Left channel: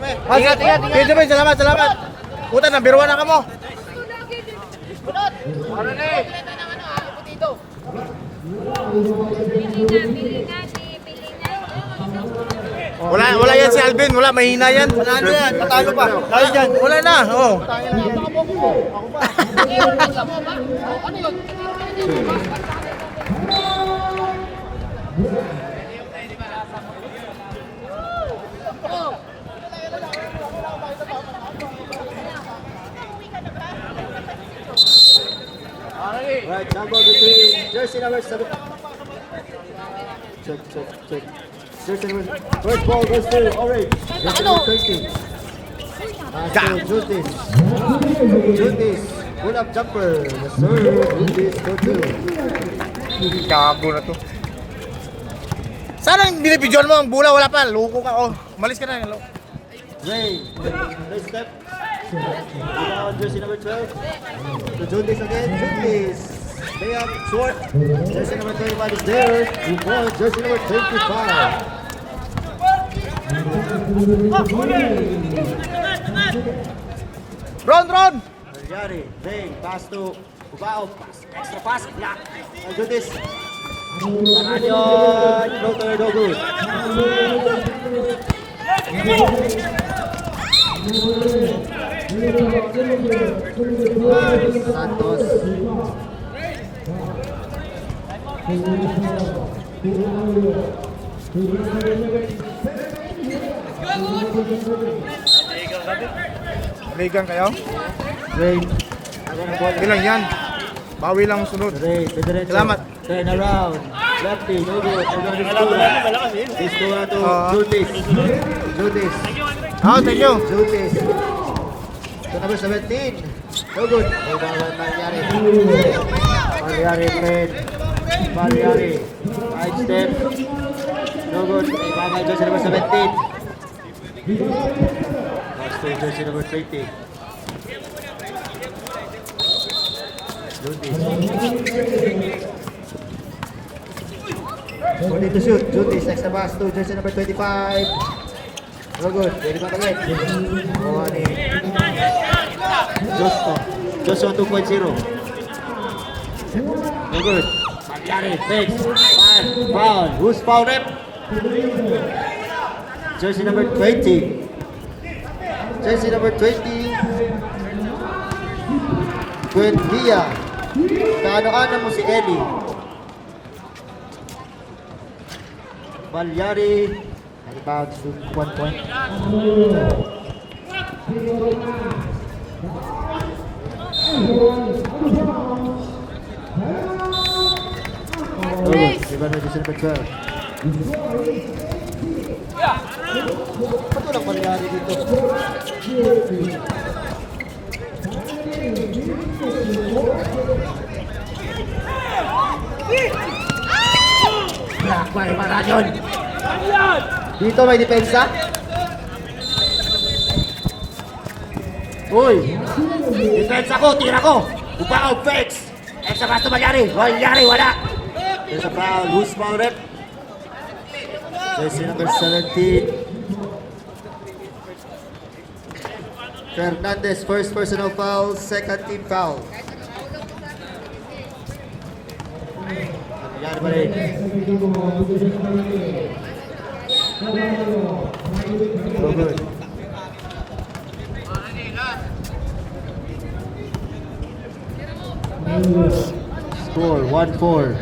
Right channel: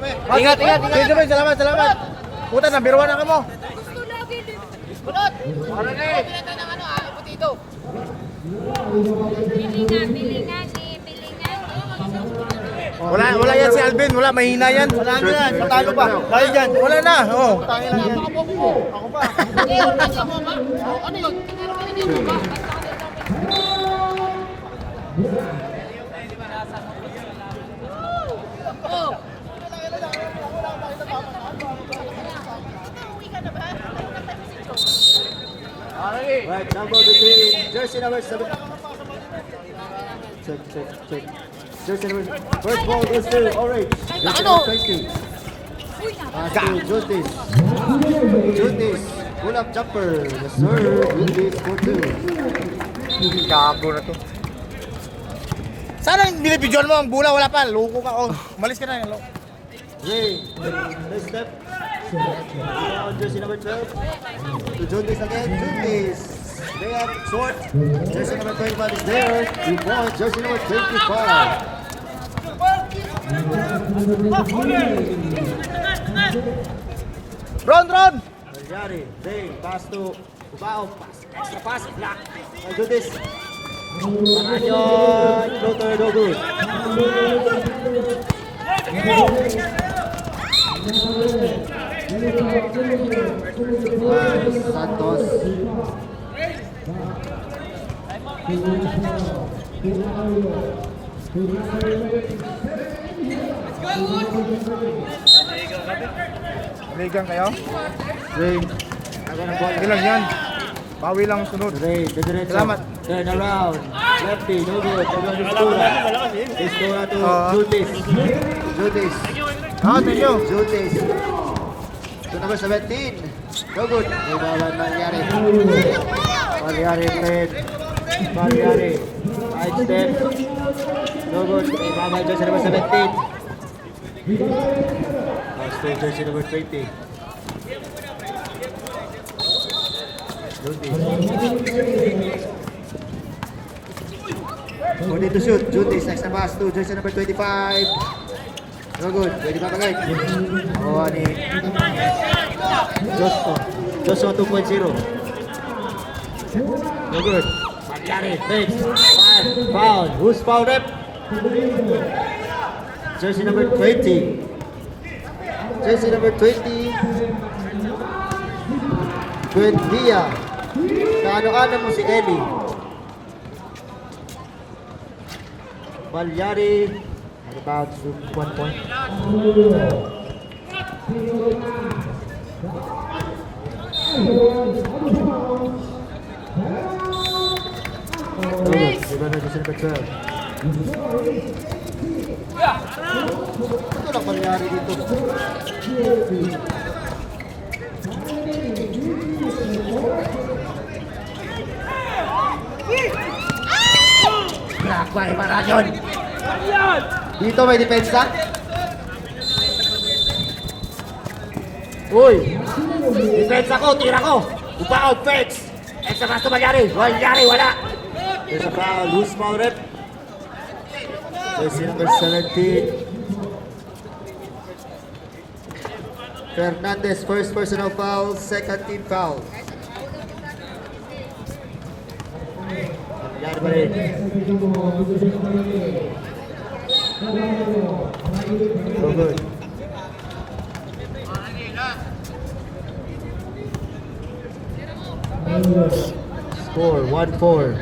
Ingat. Sige, boy. Salamat. Puta, nabiruan na ka mo. Ano ni? Wala yan si Alvin, wala, mahina yan. Wala yan, matalo pa. Tayo dyan, wala na. Oh. Ako pa. Right, number between jersey number 7. Check. Jersey number. First ball goes to orange. Jersey number 20. To Jutis. Pull up jumper. Serve. Jutis for 2. Kabo na to. Sana binibidyoan mo ang bola, wala pa. Loko ka. Oh, umalis ka na. Ray. This step. Jersey number 12. To Jutis again. Jutis. They up short. Jersey number 31 is there. We ball. Jersey number 25. Ron! Yari, Zay, pass to Ubao. Extra pass, block. I'll do this. No good. Santos. Ligang kayo? Zay. Ilang yan. Bawi lang sunod. Zay, Salamat. Turn around. Lefty, no good. This to Jutis. Thank you. Jutis. To number 17. No good. May bawang Malyari. Malyari. Right step. No good. May bawang jersey number 17. Next to jersey number 20. Jutis. Ready to shoot. Jutis. Next na pass to jersey number 25. No good. Pwede ba kagit? Oh, ni Joshua 2.0. No good. Malyari. Next. Foul. Who's foul rep? Jersey number 20. Jersey number 20. Buendia. Kaano-ano mo si Ellie. Malyari. About 1 point. Iba na sa pagka. Ano lang Malyari dito? Black by Marajon. Dito may depensa. Uy! Depensa ko, tira ko. Upaw, fix. Extra pass to Malyari. Wala. There's a foul. Loose foul rep. Jersey number 17. Fernandez, first personal foul, second team foul. Malyari pa rin. Good. Score 1-4.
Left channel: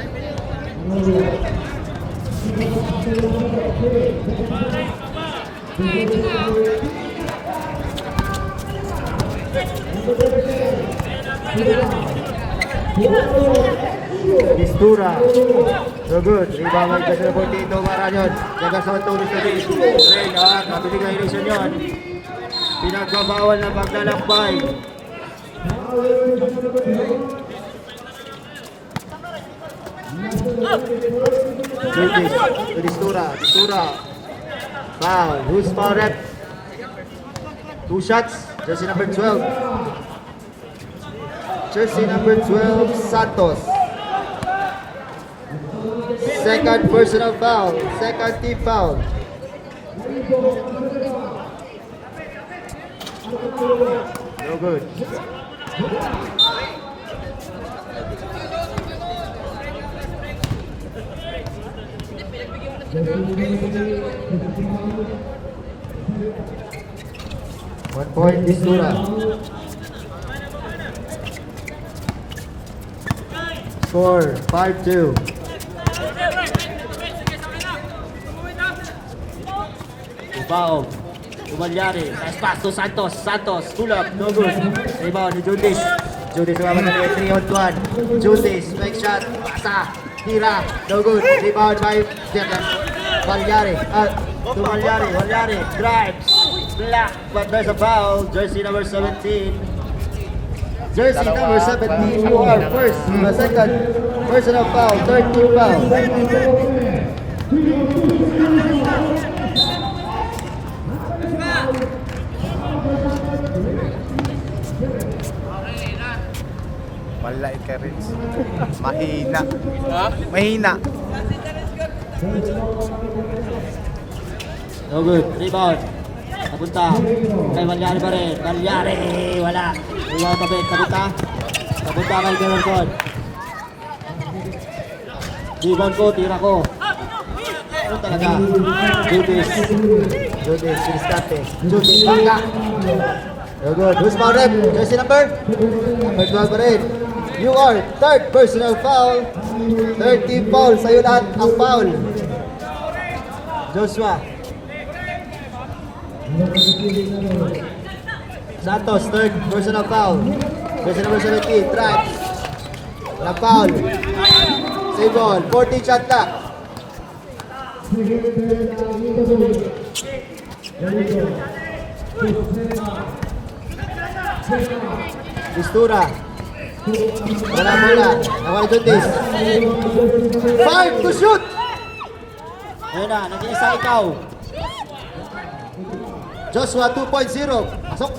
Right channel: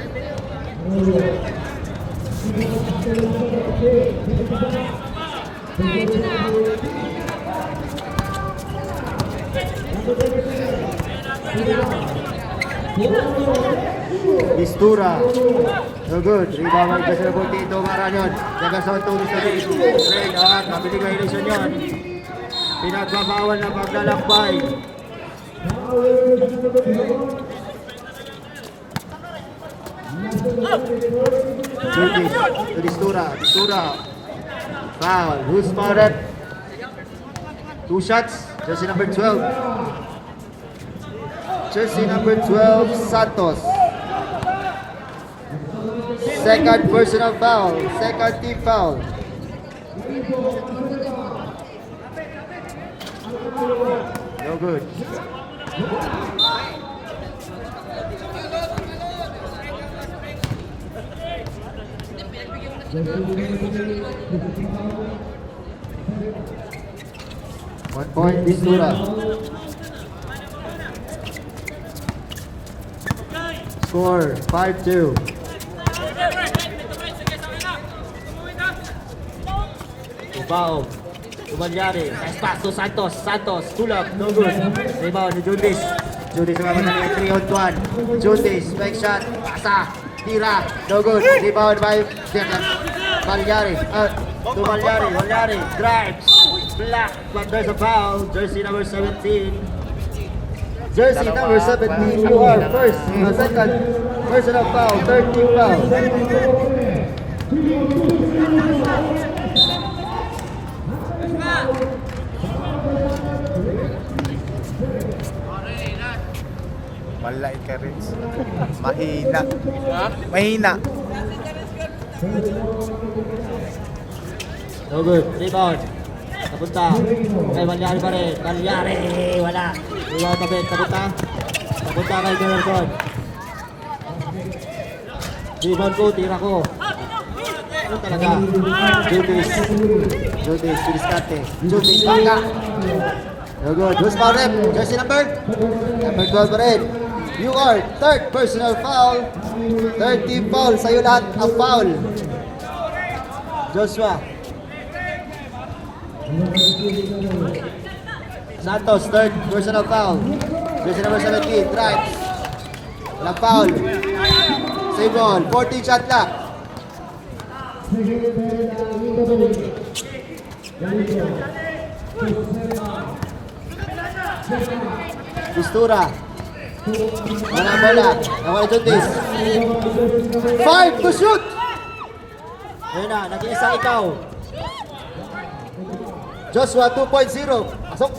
Mistura. So good. Rebound ng Joseph Portito. Marañon. Nagasawang tulis na din. Red, nabilig violation yun. Pinagbabawal na paglalakbay. Mistura. Foul. Who's foul rep? 2 shots. Jersey number 12. Jersey number 12, Santos. Second personal foul. Second team foul. No good. One point, Bisura. Score 5-2. Foul. Umalyari. Espas to Santos. Santos. Tulak. No good. Rebound ni Jundis. Jundis naman na 3 on 1. Jundis. Make shot. Pasa. Tira. No good. Rebound by Jacob. Malyari. To Malyari. Malyari. Drives. Black. But there's a foul. Jersey number 17. Jersey number 17. You are first. The second. Personal foul. 13 foul. Wala ka rin. Mahina. Mahina. No good. Rebound. Papunta. Kay Malyari pa rin. Malyari. Wala. Rebound tapit. Papunta. Papunta kay Demerson. Rebound ko. Tira ko. Ano talaga? Judis. Judis. Siniskate. Judis. Baka. No good. Who's foul rep? Jersey number? Number 12 pa rin. You are third personal foul. 13 foul. Sa'yo lahat ang foul. Joshua. Santos, third personal foul. Jersey number 17, Traps. Na foul. Save ball. 14 shot clock. Pistura. Wala bola. Ang Jundis. 5 to shoot. Ayun na, nag-iisa ikaw. Joshua 2.0. Pasok.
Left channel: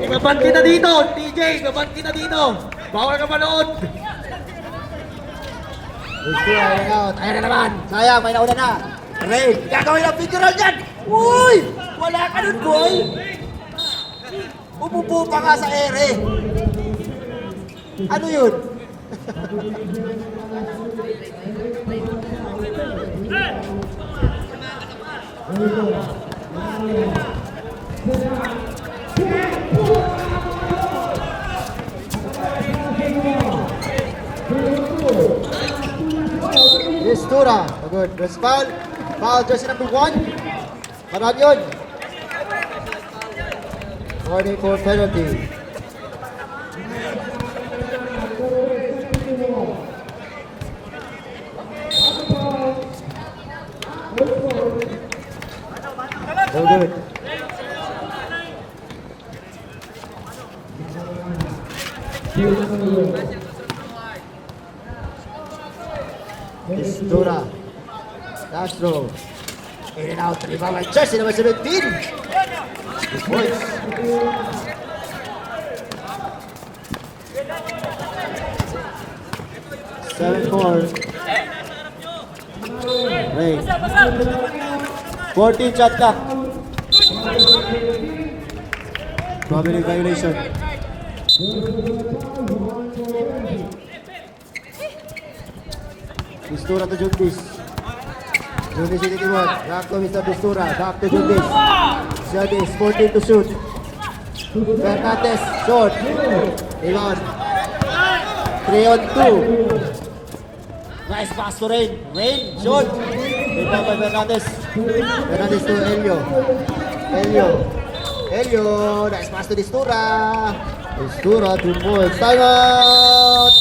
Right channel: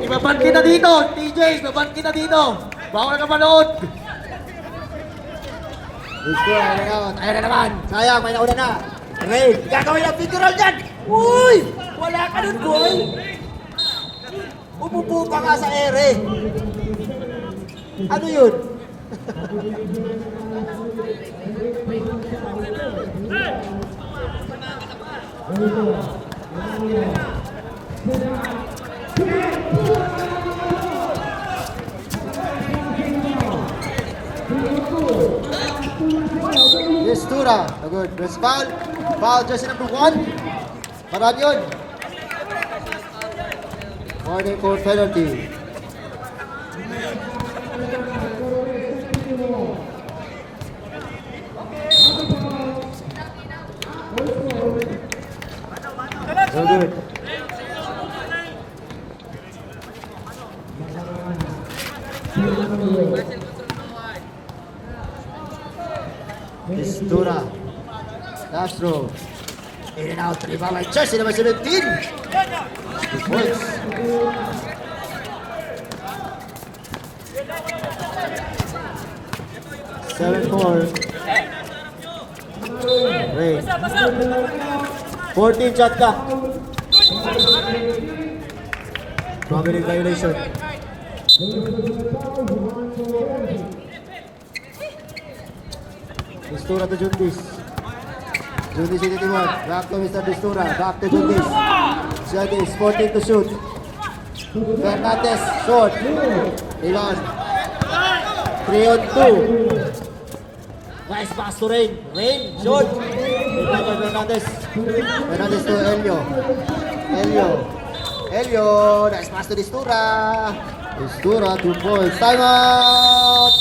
Ibaban kita dito, TJ, ibaban kita dito. Bawal ka manood. Pistura, out. Ayun na naman. Sayang, may nauna na. Okay, gagawin ang figural yan. Uy! Wala ka rin goal. Umupo ka nga sa ere. Ano yun? Pistura. Good. There's foul. Foul jersey number 1. Karan yun. 44 penalty. Very good. Pistura. Castro. In and out. Rebound by jersey number 17. Points. Seven four. Wait. 14 shot clock. 2-minute violation. Pistura to Jundis. Jundis in the one. Back to Mr. Pistura. Back to Jundis. Jundis 14 to shoot. Fernandez short. Ilan. 3 on 2. Nice pass to Rain. Rain short. Rebound by Fernandez. Fernandez to Elio. Elio. Elio. Nice pass to Pistura. Pistura 2 points. Time out.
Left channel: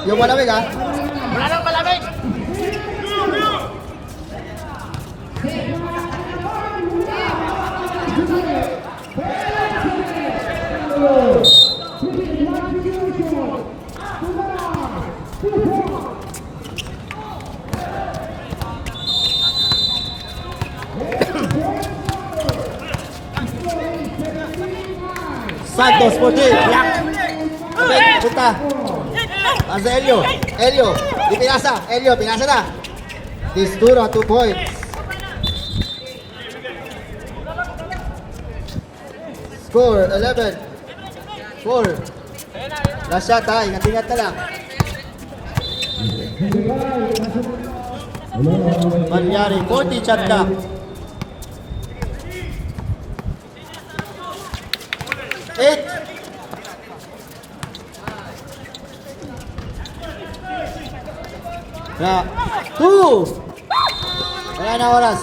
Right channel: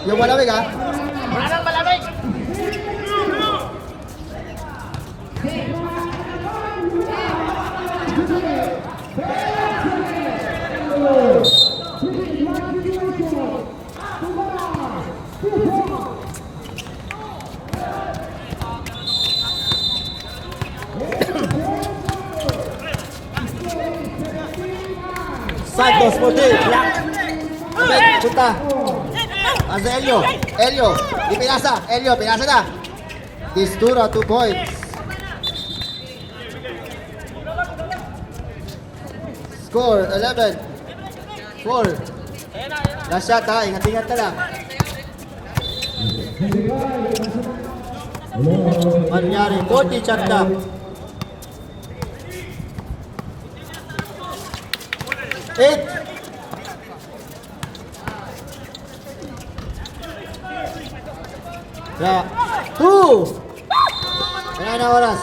Yung malamig ha? 14. Yeah. Okay, punta. Pasa Elio. Elio. Di pinasa. Elio, pinasa na. This 2 na 2 points. Score 11. 4. Last shot ha. Ingat-ingat ka lang. Mangyari. 40 shot ka. Eight. Ya. 2. Wala na oras.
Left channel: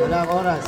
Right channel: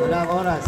Wala ang oras.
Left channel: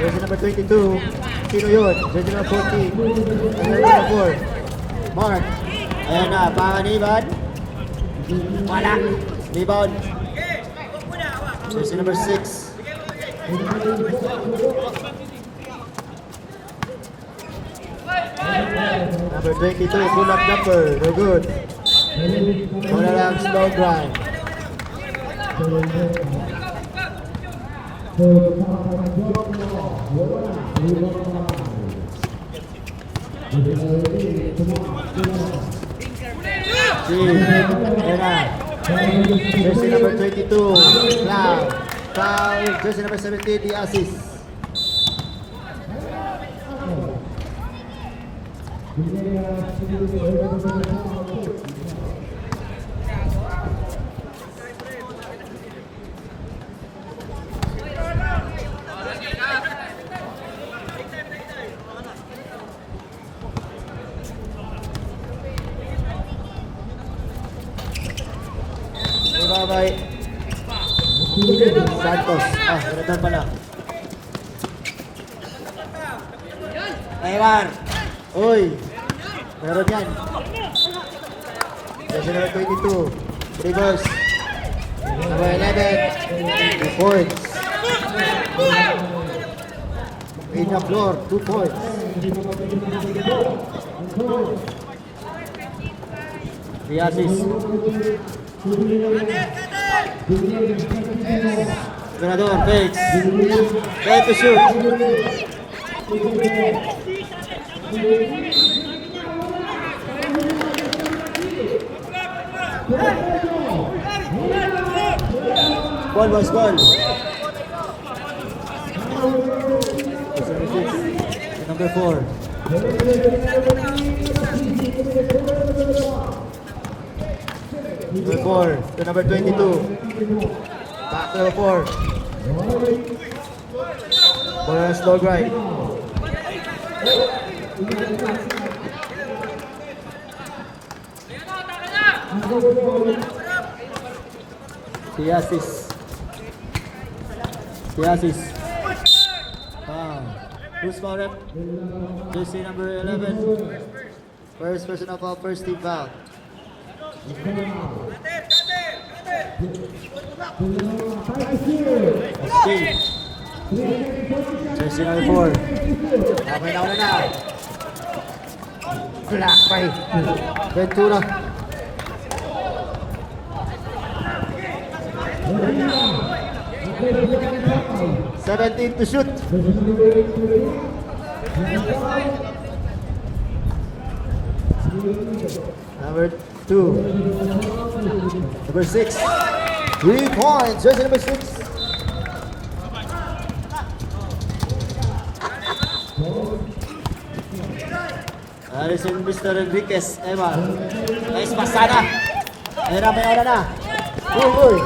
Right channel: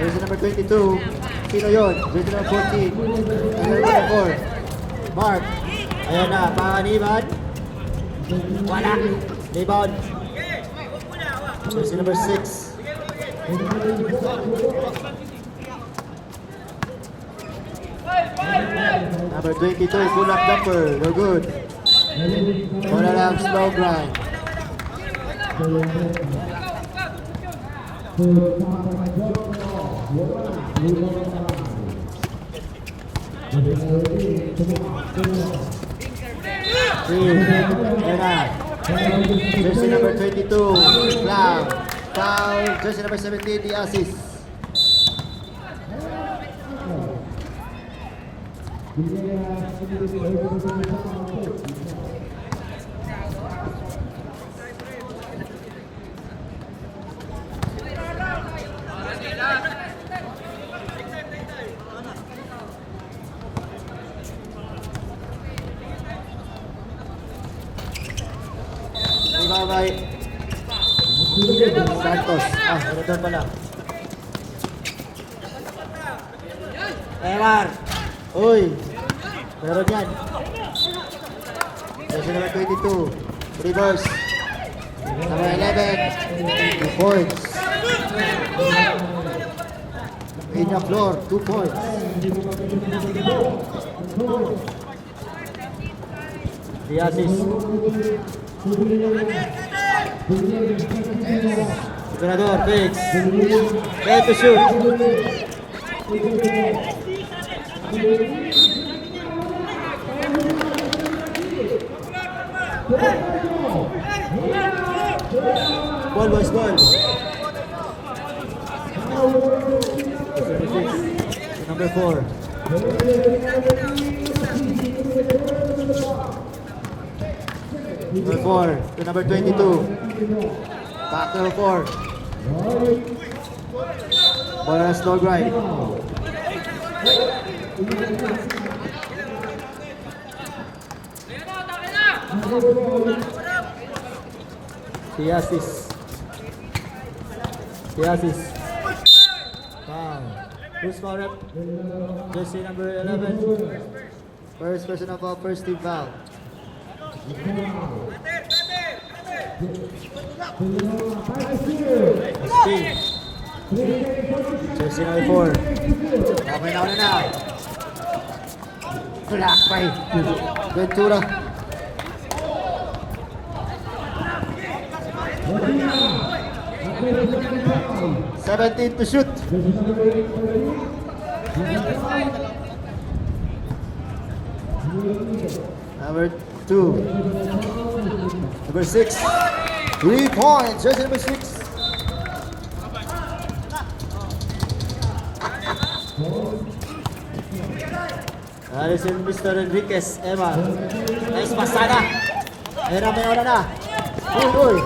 Jersey number 22. Sino yun? Jersey number 14. Jersey number 4. Mark. Ayan na. Panganiban. Wala. Rebound. Jersey number 6. Number 22. Pull-up jumper. No good. Wala lang. Slow grind. Jersey number 32, Cloud. Foul. Jersey number 17, the assist. Santos. Return pala. Ewan. Uy. Meron yan. Jersey number 22. Reverse. Number 11. 2 points. In the floor. 2 points. The assist. Senador, fakes. Ready to shoot. Ball was gone. Number 4. Number 4 to number 22. Back to number 4. Ball slow grind. The assist. Who's for it? Jersey number 11. First person of our first team foul. Steve. Jersey number 4. Okay na. Tinakay. Ventura. Seventeen to shoot. Number 2. Number 6. 3 points. Jersey number 6. Alis yung Mr. Enriquez. Emma. Nice pasada. Ayun na, may oras na. Uy.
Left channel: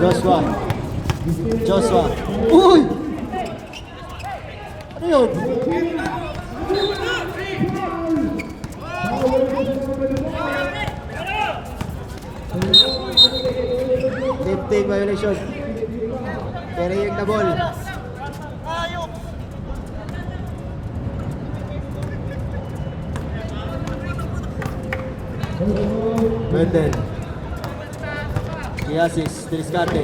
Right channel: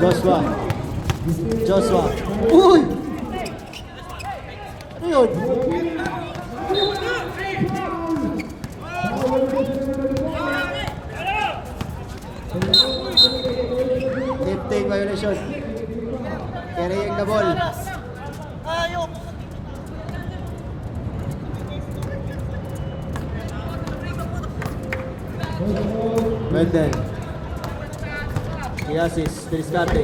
Joshua. Joshua. Uy! Ano yun? Lifting violation. Carrying the ball. Wendell. Yasis, Triscate.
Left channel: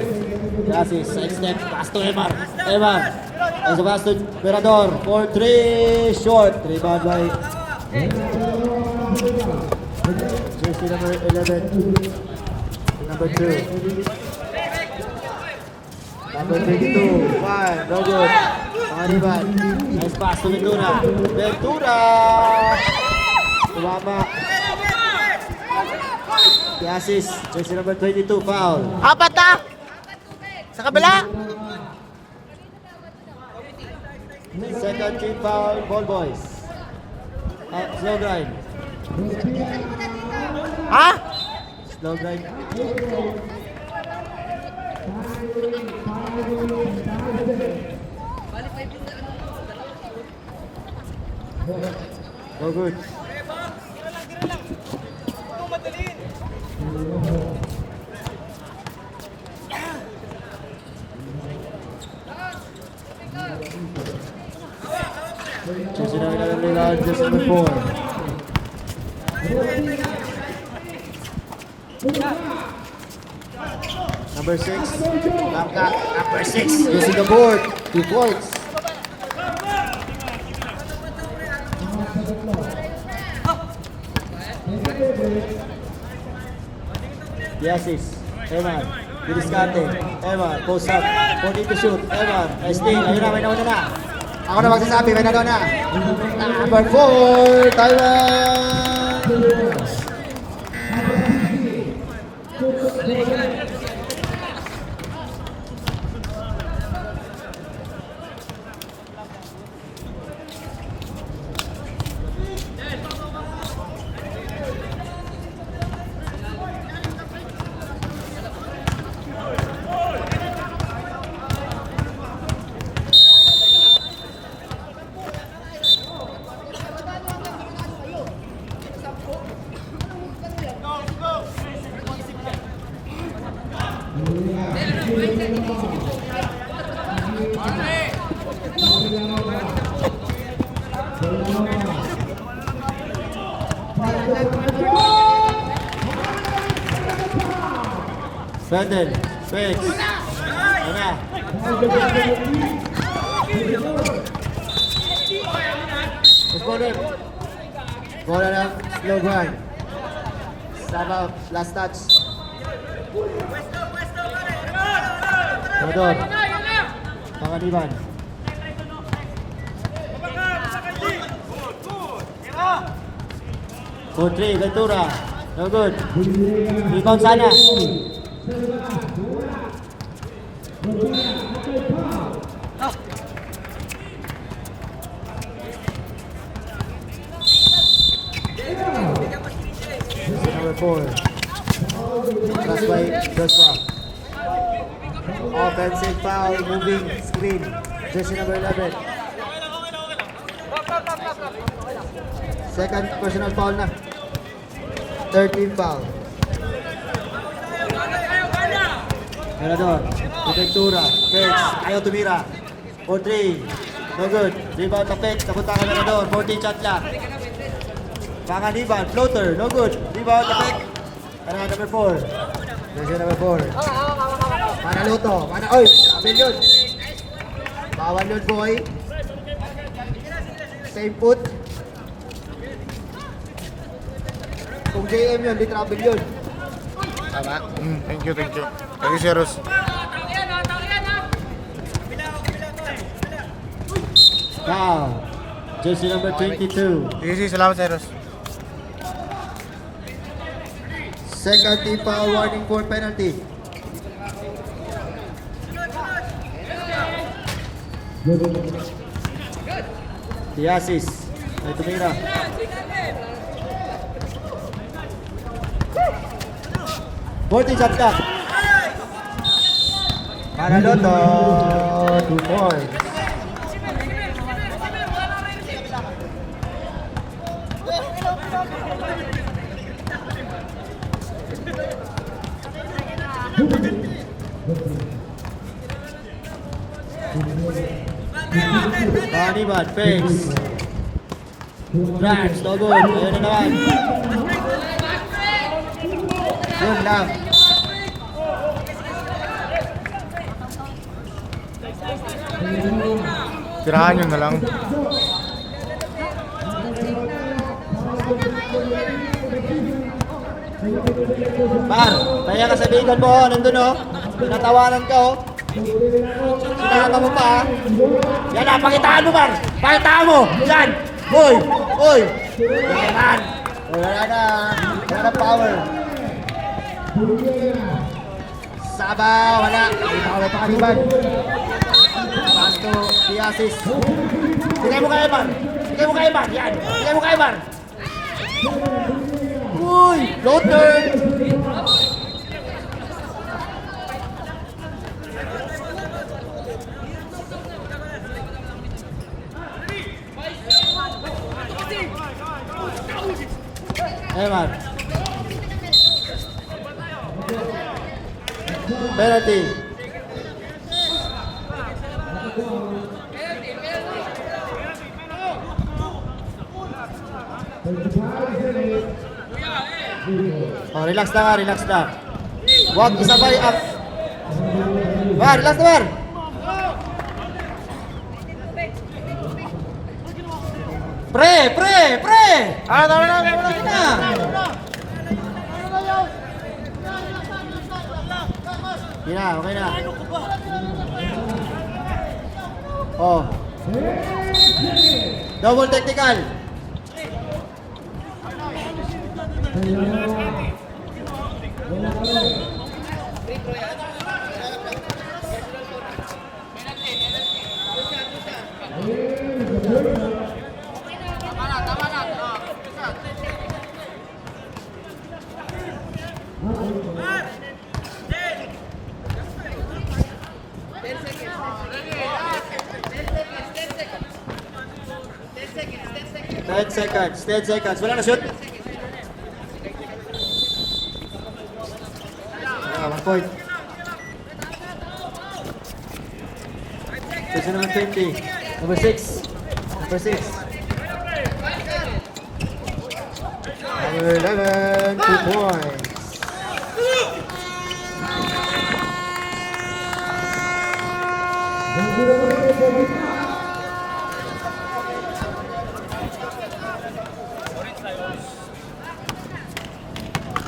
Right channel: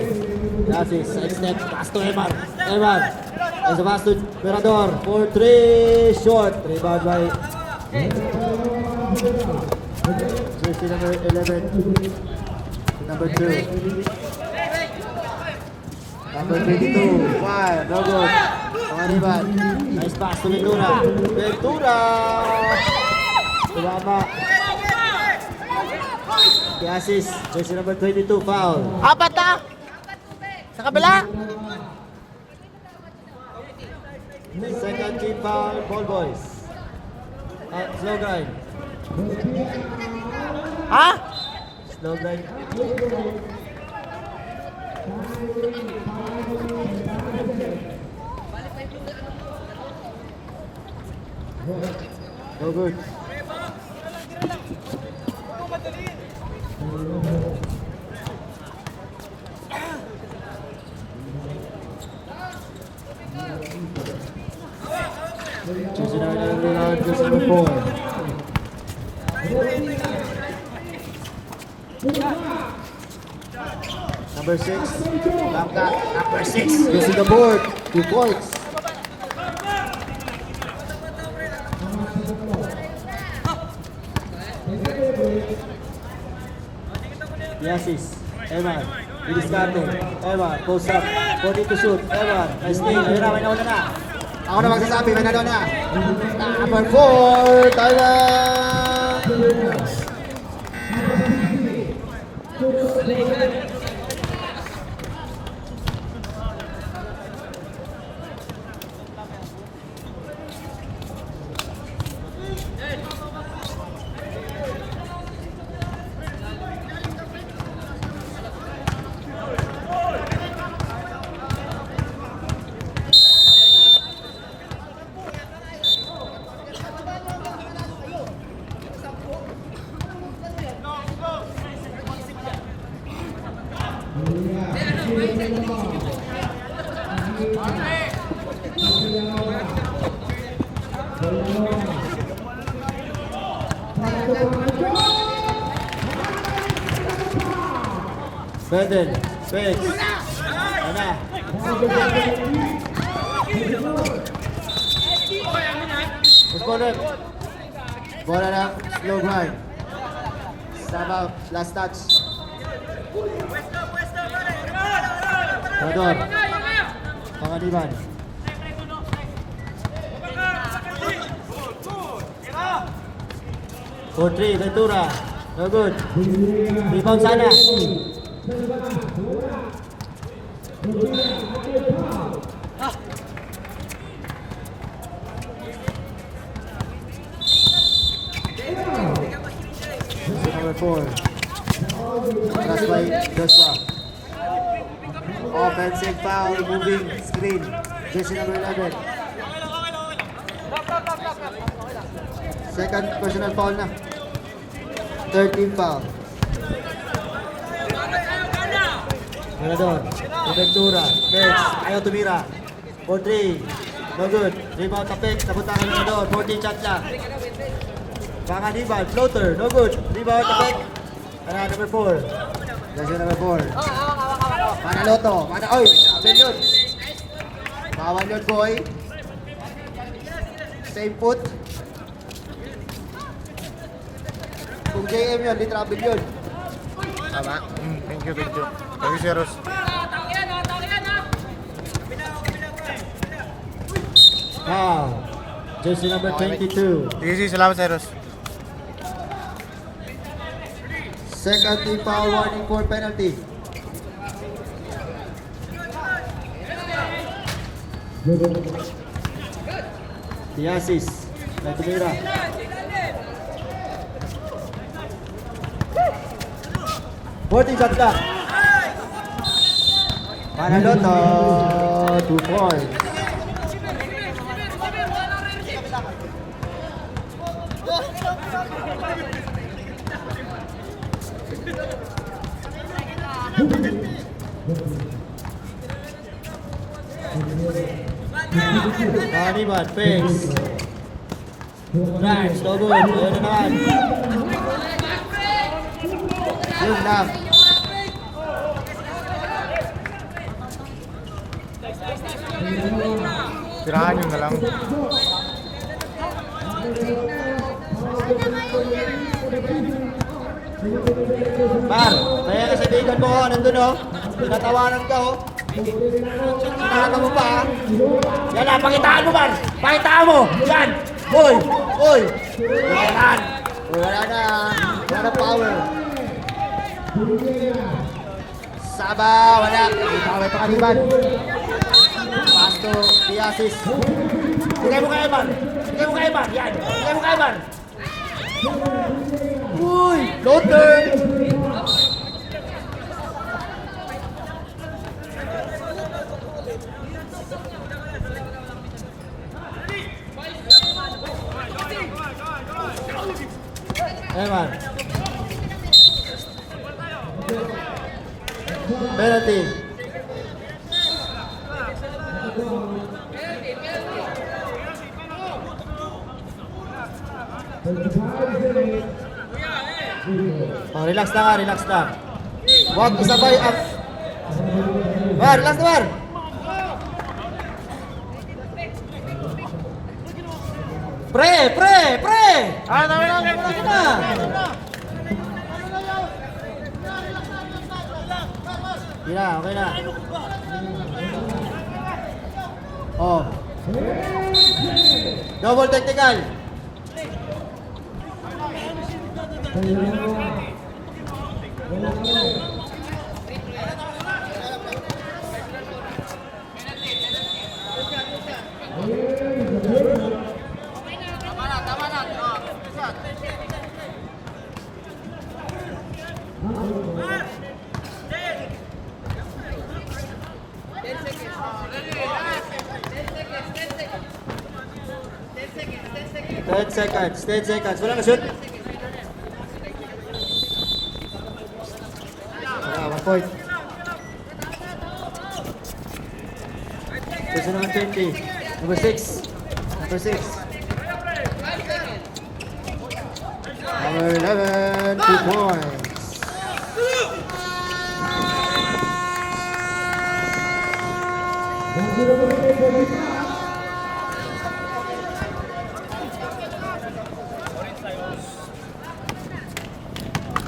Yasis, side step, pass to Emar. Emar. As a pass to Mirador. 4-3, short. Rebound by jersey number 11. Number 2. Number 22. 5, no good. Rebound. Nice pass to Ventura. Ventura. Tumama. Yasis, jersey number 22, foul. Apat na! Sa kabila! Second team foul, ball boys. At slow drive. Ha? Slow drive. No good. Jersey number 4. Number 6. Langka. Number 6. Using the board. 2 points. Yasis. Eman. Triscate. Eman. Post up. 40 to shoot. Eman. Nice thing. Ayun na. May nauna na. Ako na magsasabi. May nauna na. Number 4. Thailand. Brandon, wait. Ano? Postponer. Bola ng slow grind. Sama, last touch. Rodor. Panganiban. Putri, Ventura. No good. Rebound sana. Number 4. Pass by Joshua. Offensive foul, moving screen. Jersey number 11. Second personal foul na. 13 foul. Mirador, Ventura, Pitch, ayaw tumira. 4-3, no good. Rebound tapik, kapunta ka Mirador, 14 shot lang. Panganiban, floater, no good. Rebound tapik. Number 4. Jersey number 4. Manaloto, oh, abin yun. Bawal yun, boy. Same put. Kung JM yun, di trouble yun. Tama? Thank you, thank you. Thank you, Sir Rus. Foul. Jersey number 22. Sige, salamat, Sir Rus. Second team foul, warning for penalty. Yasis. Tumira. 14 shot clock. Manaloto, 2 points. Kaniban, face. Nice, no good. Ayun na naman. Yun lang. Tirahan nyo na lang. Par, kaya ka sa bigan mo, nandun oh. Pinatawanan ka oh. Sinagamot ka ah. Yan na, pakitaan mo man. Pakitaan mo. Yan. Hoy. Hoy. Yan. Wala na. Wala na power. Saba. Wala. Power pa kaniban. Pasto. Diasis. Bigay mo kay Eman. Bigay mo kay Eman. Yan. Bigay mo kay Eman. Uy. Go turn. Eman. Penalty. Oh, relax na ka, relax na. What is sabay up? War, relax na war. Pre. Ah, tama na. Okay na. Oh. Double technical. Ten seconds. Wala na shoot. Wala, 1 point. Position number 20. Number 6. Number 6. Number 11. 2 points.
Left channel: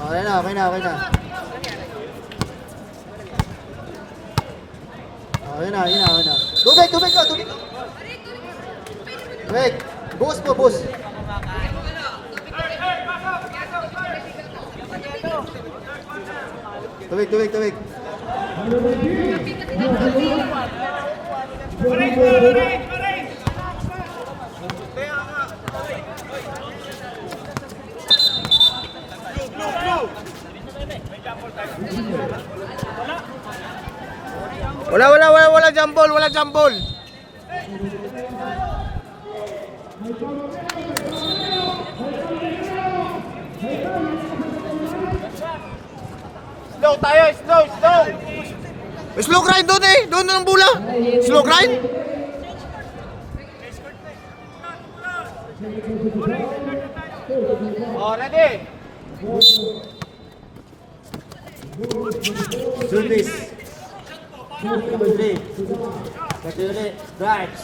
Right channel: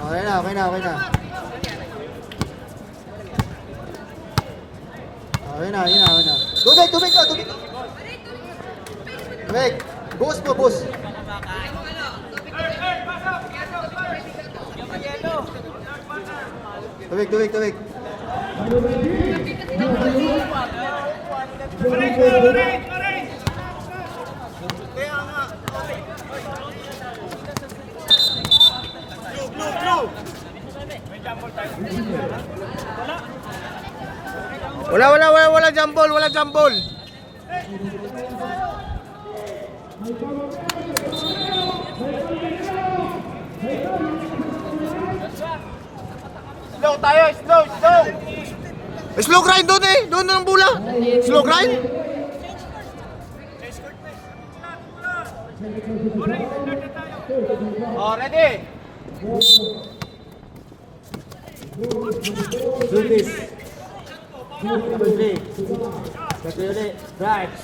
Okay na. Okay na. Tubig ko. Tubig. Bus. Tubig. Wala jump ball. Slow tayo, slow. Slow grind doon eh. Doon ng bola. Slow grind. Oh, ready? Service. 3. Actually, drives.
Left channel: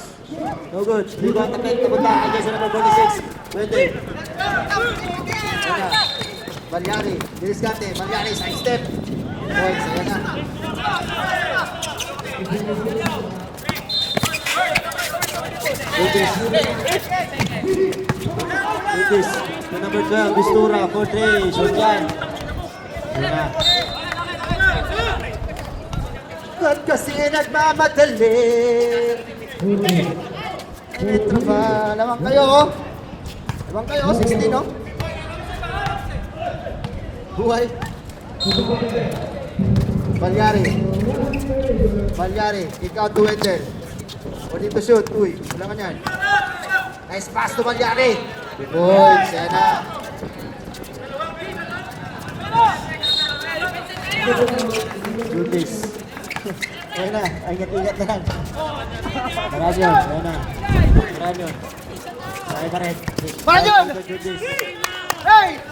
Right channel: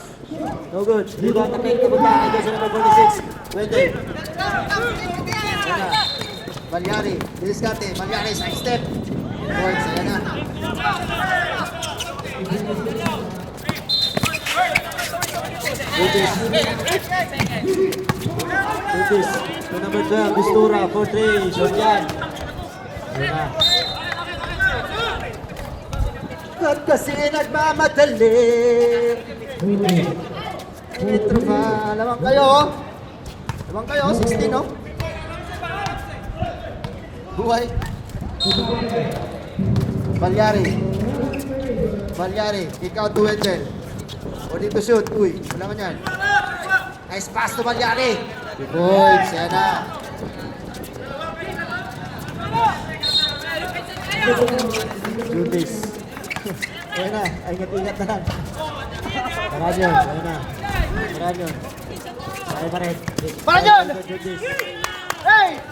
No good. You got the kick to the back against number 46. Wende. Yana. Malyari. Bilis kate. Malyari. Step. Points. Yana. Service. Number 12. Bistura. 4-3. Shotjan. Yana. At kasi nagmamadali. Ito ba? Lamang kayo. 16, no? Buhay. Balyari. Balyari, ikaw to Wendell. Ready to shoot. Uy, wala man yan. Nice pass to Balyari. Good, Sena. Jutis. Ayan na, ingat-ingat na lang. Marami yun, ayan na. Marami yun. Sakay pa rin. Para dyan! Jutis. Hey!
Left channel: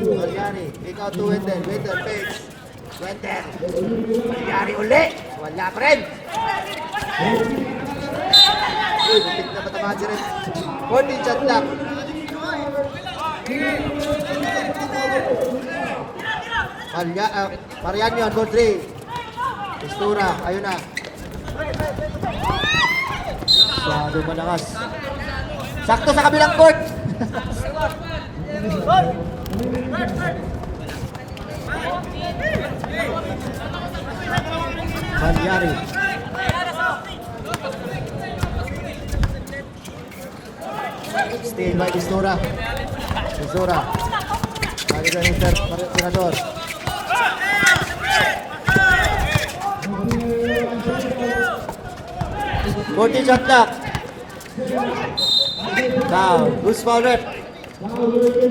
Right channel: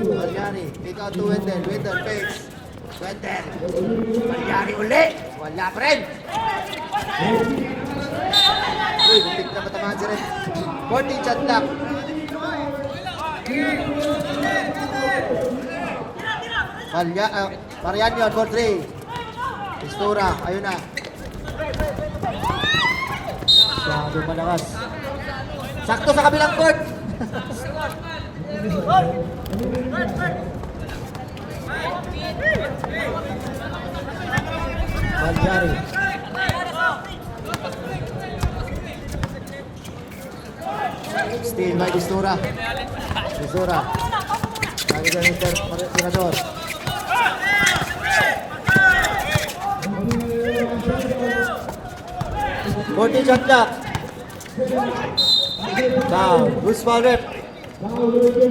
Balyari, ikaw to Wendell. Wendell, face. Wendell. Balyari uli. Wala pa rin. Uy, bitik na katamaan siya rin. 14 shot lang. Marian yun, for 3. Pistura, ayun na. Sabi malakas. Sakto sa kabilang court. Balyari. Stay by Pistura. Pistura. Lagi na ng tirador. Forty shot clock. Now, who's foul rep?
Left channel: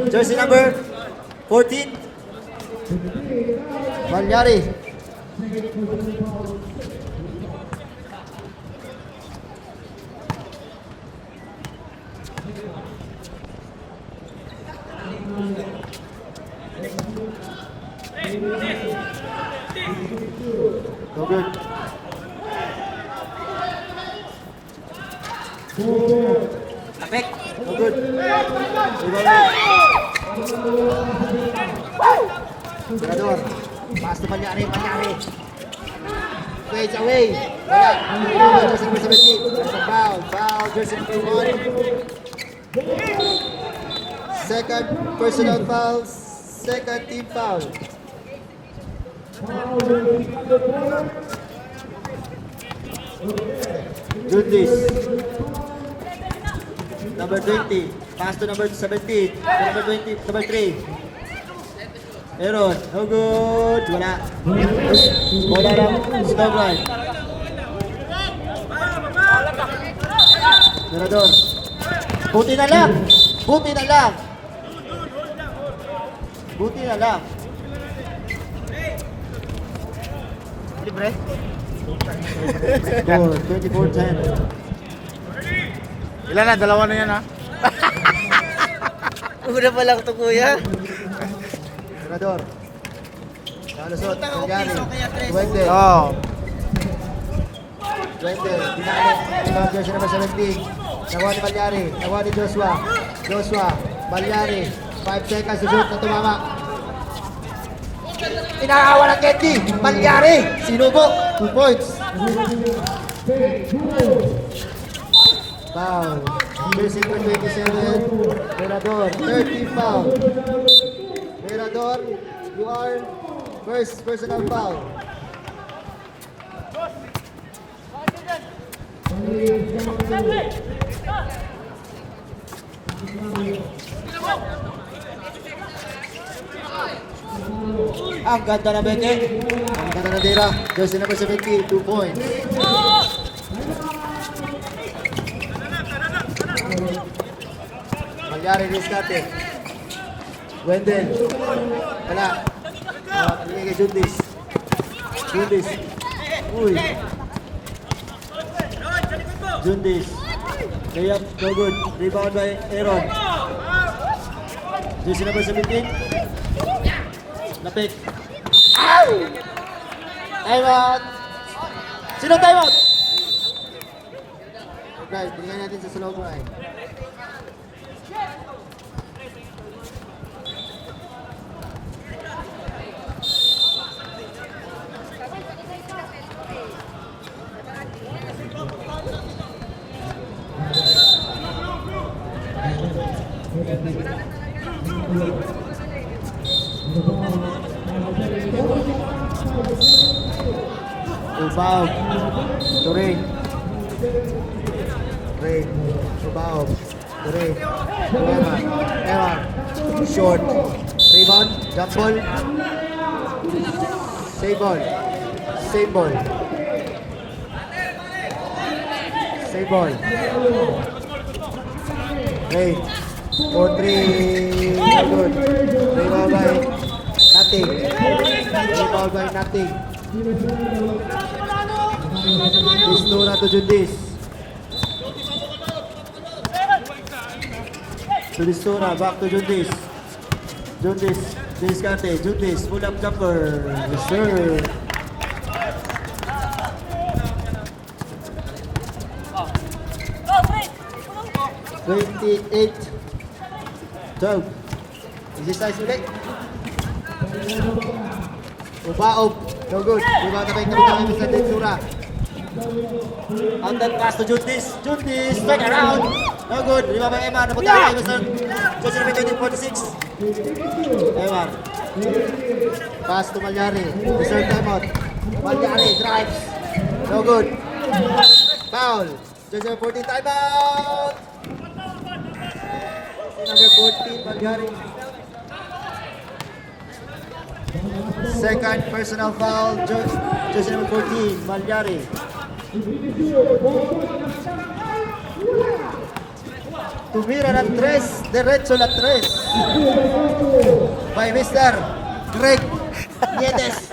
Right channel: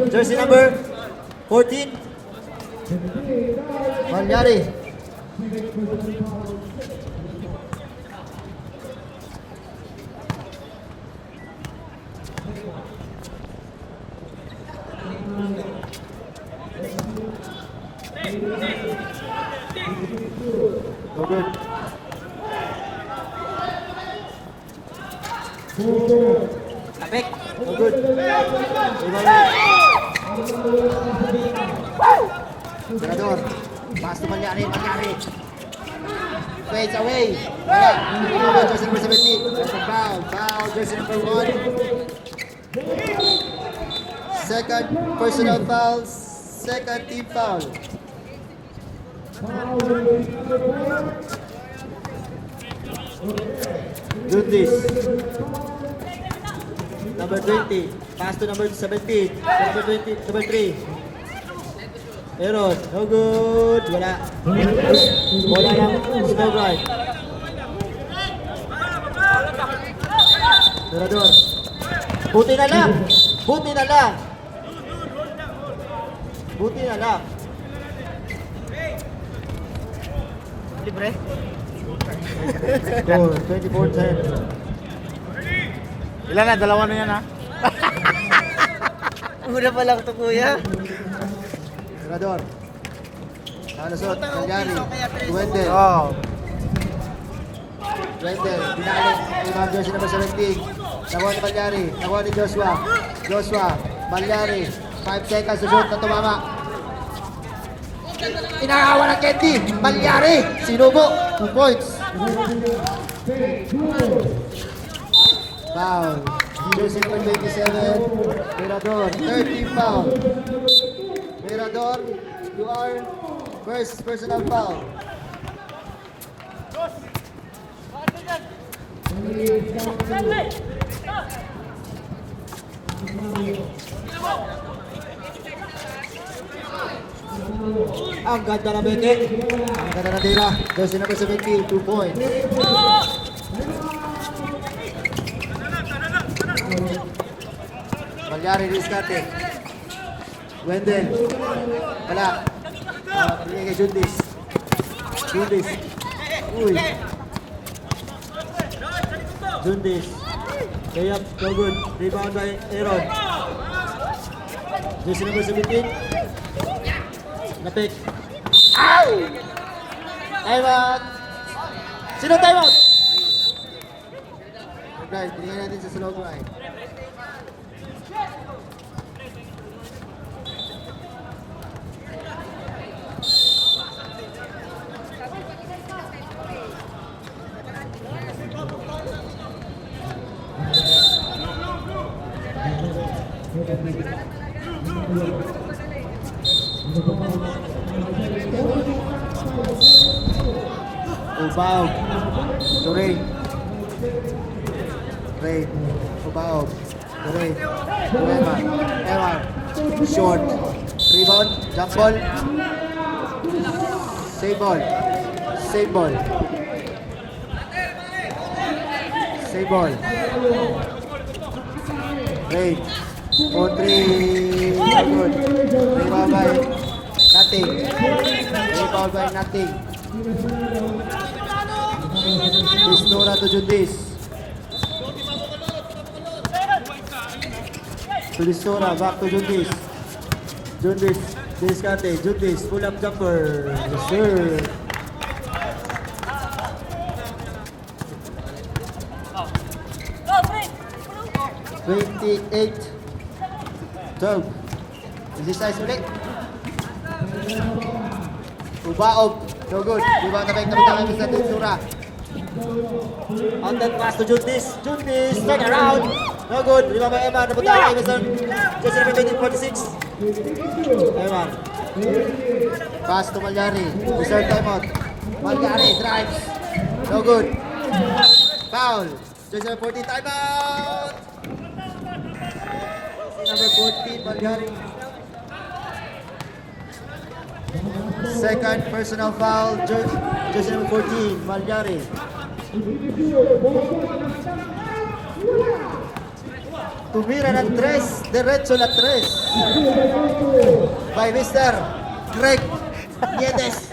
Jersey number 14. Balyari. Good. Perfect. Good. Tirador. Pass to Balyari. Balyari. Fades away. Wala. Jersey number 17. Foul. Foul. Jersey number 1. Second personal foul. Second team foul. Jutis. Number 20. Pass to number 17. Number 20. Number 3. Aaron. No good. Wala. Wala lang. Stop right. Tirador. Buti na lang. Buti na lang. Buti na lang. Libre? 24-10. Ilan na? Dalawa na yan ha? Una pa lang to kuya. Tirador. Palusot. Balyari. Duwende. Oh. Duwende. Binalik. Binalik Jersey number 17. Tawa ni Balyari. Tawa ni Joshua. Joshua. Balyari. 5 seconds to shoot na tumama. Inaawa ng Kendi. Balyari. Sinubo. 2 points. Foul. Jersey number 27. Mirador. 30 foul. Mirador, you are first personal foul. Ang ganda ng beke. Ang ganda ng tira. Jersey number 17, 2 points. Balyari rescate. Wendell. Wala. Pinigay kay Jundis. Jundis. Uy. Jundis. Layup, no good. Rebound by Aaron. Jersey number 17. Napik. Ow! Time out! Sino time out? Okay, binigyan natin sa slow grind. Ubaog. Turing. Ray. Ubaog. Turing. Ewan. Short. Rebound. Jump ball. Save ball. Save ball. Save ball. Great. 4-3. Good. Rebound by nothing. Rebound by nothing. Pistura to Jundis. To Pistura, back to Jundis. Jundis, Discarte, Jundis, pull up jumper. Yes, sir. Oh. 28-12. Exercise ulit. Ubaob. No good. Diba na kayo kami sa Pistura. On that pass to Jundis. Jundis, strike around. No good. Diba ba Emma? Napunta kayo sa Jose Navarrete 1846. Eman. Pass to Malyari. Reserve timeout. Malyari drives. No good. Foul. Jose 14 timeout. Number 14, Malyari. Second personal foul, Jose number 14, Malyari. Tumira ng 3, diretso na 3. By Mr. Greg Nietes.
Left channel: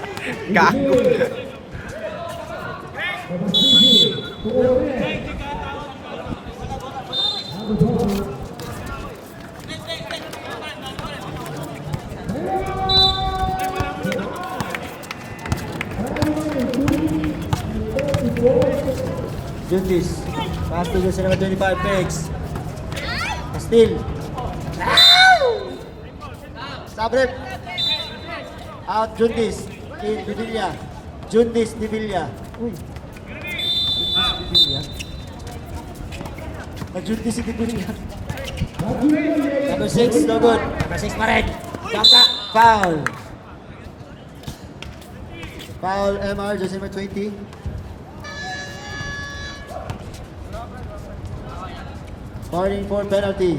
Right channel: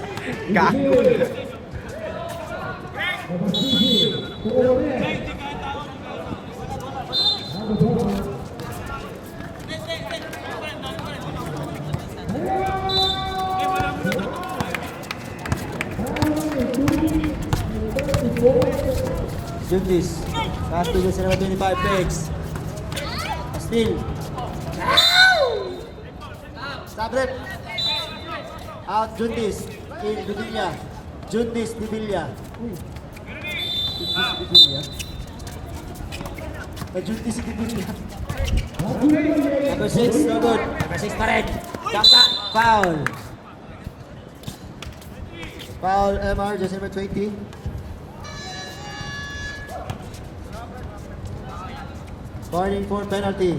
Jundis. Pass to Jose number 25, Pegs. Steal. Sabrep. Out Jundis. In Divilla. Jundis Divilla. Uy. Jundis Divilla. Jundis Divilla. Number 6, no good. Number 6 pa rin. Tangka. Foul. Foul MR, Jose number 20. Warning for penalty.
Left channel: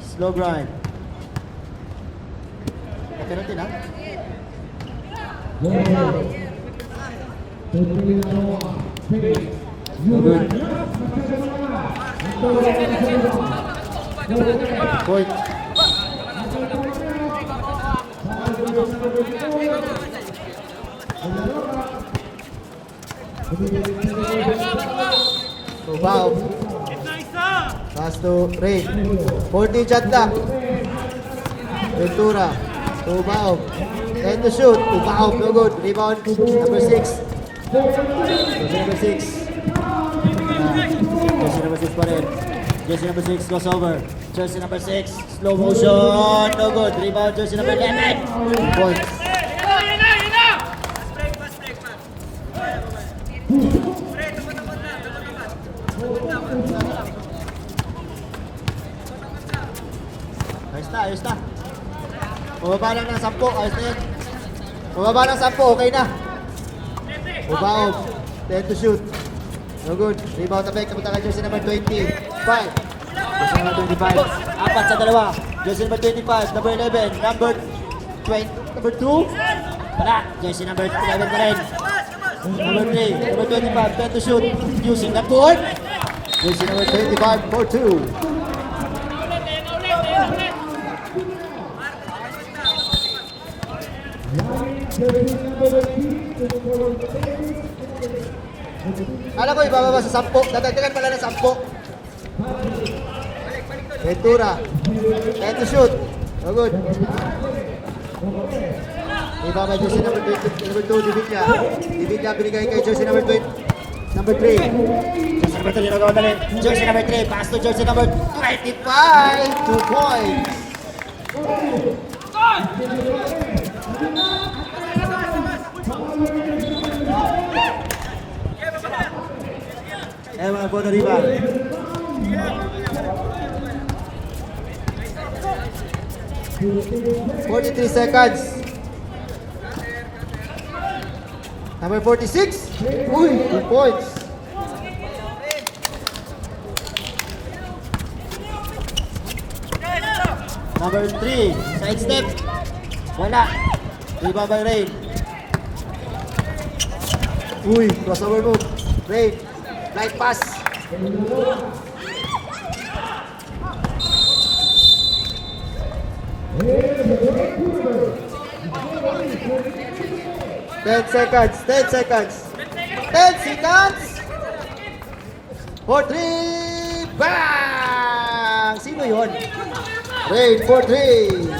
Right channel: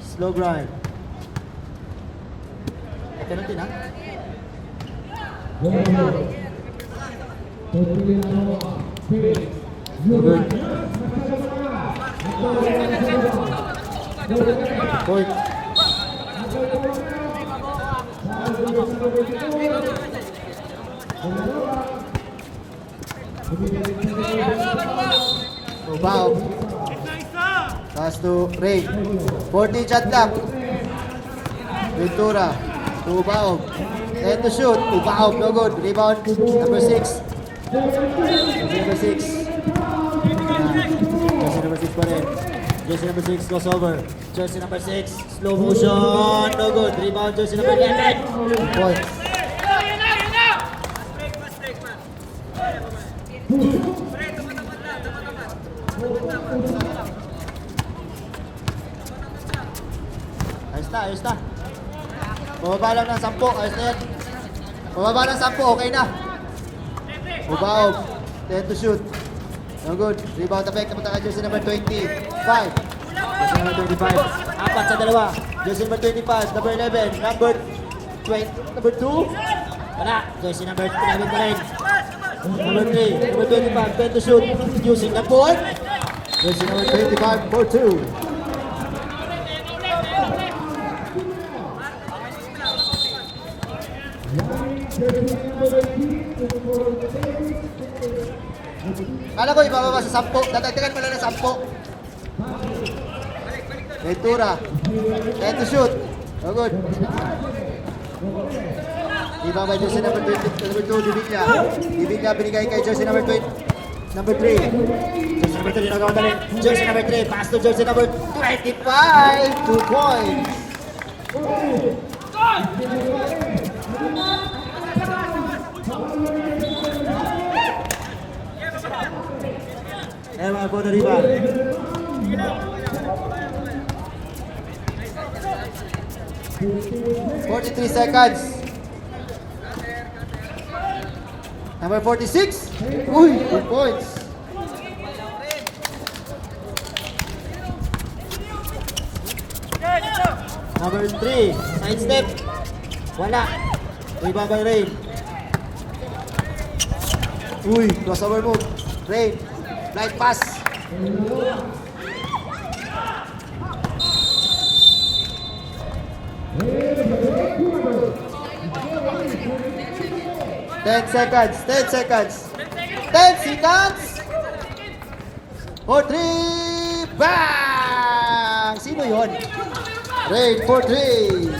Slow grind. Penalty na? Good. Point. Foul. Pass to Ray. 40 shot na. Ventura. Ubaog. And to shoot. Ubaog. No good. Rebound. Number 6. Number 6. Jersey number 6 pa rin. Jersey number 6 goes over. Jersey number 6. Slow motion. No good. Rebound. Jersey number 11. Points. Ayos na. Bumaba lang ng 10. Ayos na yan. Bumaba ng 10. Okay na. Ubaog. 10 to shoot. No good. Rebound na back. Napunta ka Jersey number 25. Jersey number 25. Apat sa dalawa. Jersey number 25. Number 11. Number 20. Number 2. Wala. Jersey number 11 na rin. Number 3. Number 25. 10 to shoot. Using the board. Jersey number 25 for 2. Alam ko ibababa sa 10. Dadagdagan pala ng 10. Ventura. Try to shoot. Oh, good. Ibababa Jersey number 2, Divilla. Divilla binigay kay Jersey number 3. Jersey number 3 nagawa na rin. Jersey number 3. Pass to Jersey number 25. 2 points. Emma for the rebound. "43 seconds. Number 46. Uy, 2 points. Number 3, side step. Wala. Rebound by Rain. Uy, crossover move. Rain. Light pass. Ten seconds. 10 seconds. 4, 3, bang! Sino yun? Rain, 4, 3.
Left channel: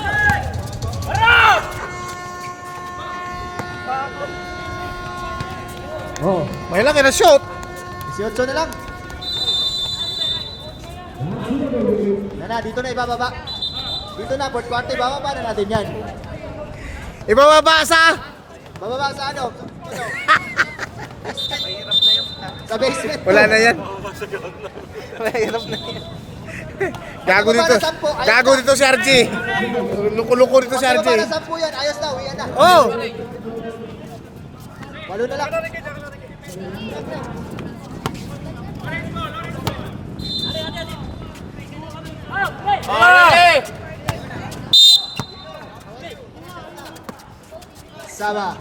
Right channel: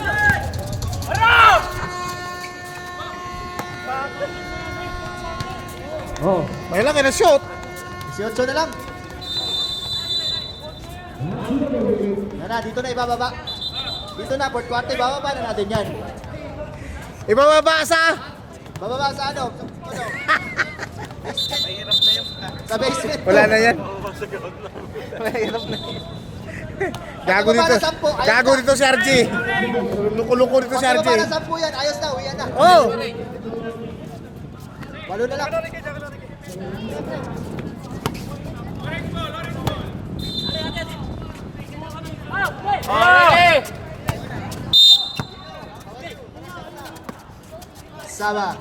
Oh, May lang na shoot. 18 na lang. Dito na ibababa. Dito na, fourth quarter, ibababa na natin yan. Ibababa sa... Bababa sa ano? Sa basement. Wala na yan. Mahirap na yan. Gago Pag dito. baba na 10, ayos Gago na. dito si RG. Luko-luko dito si Pag RG. baba na 10 yan, ayos na, uwian na. Oh! 8 na lang. Sama.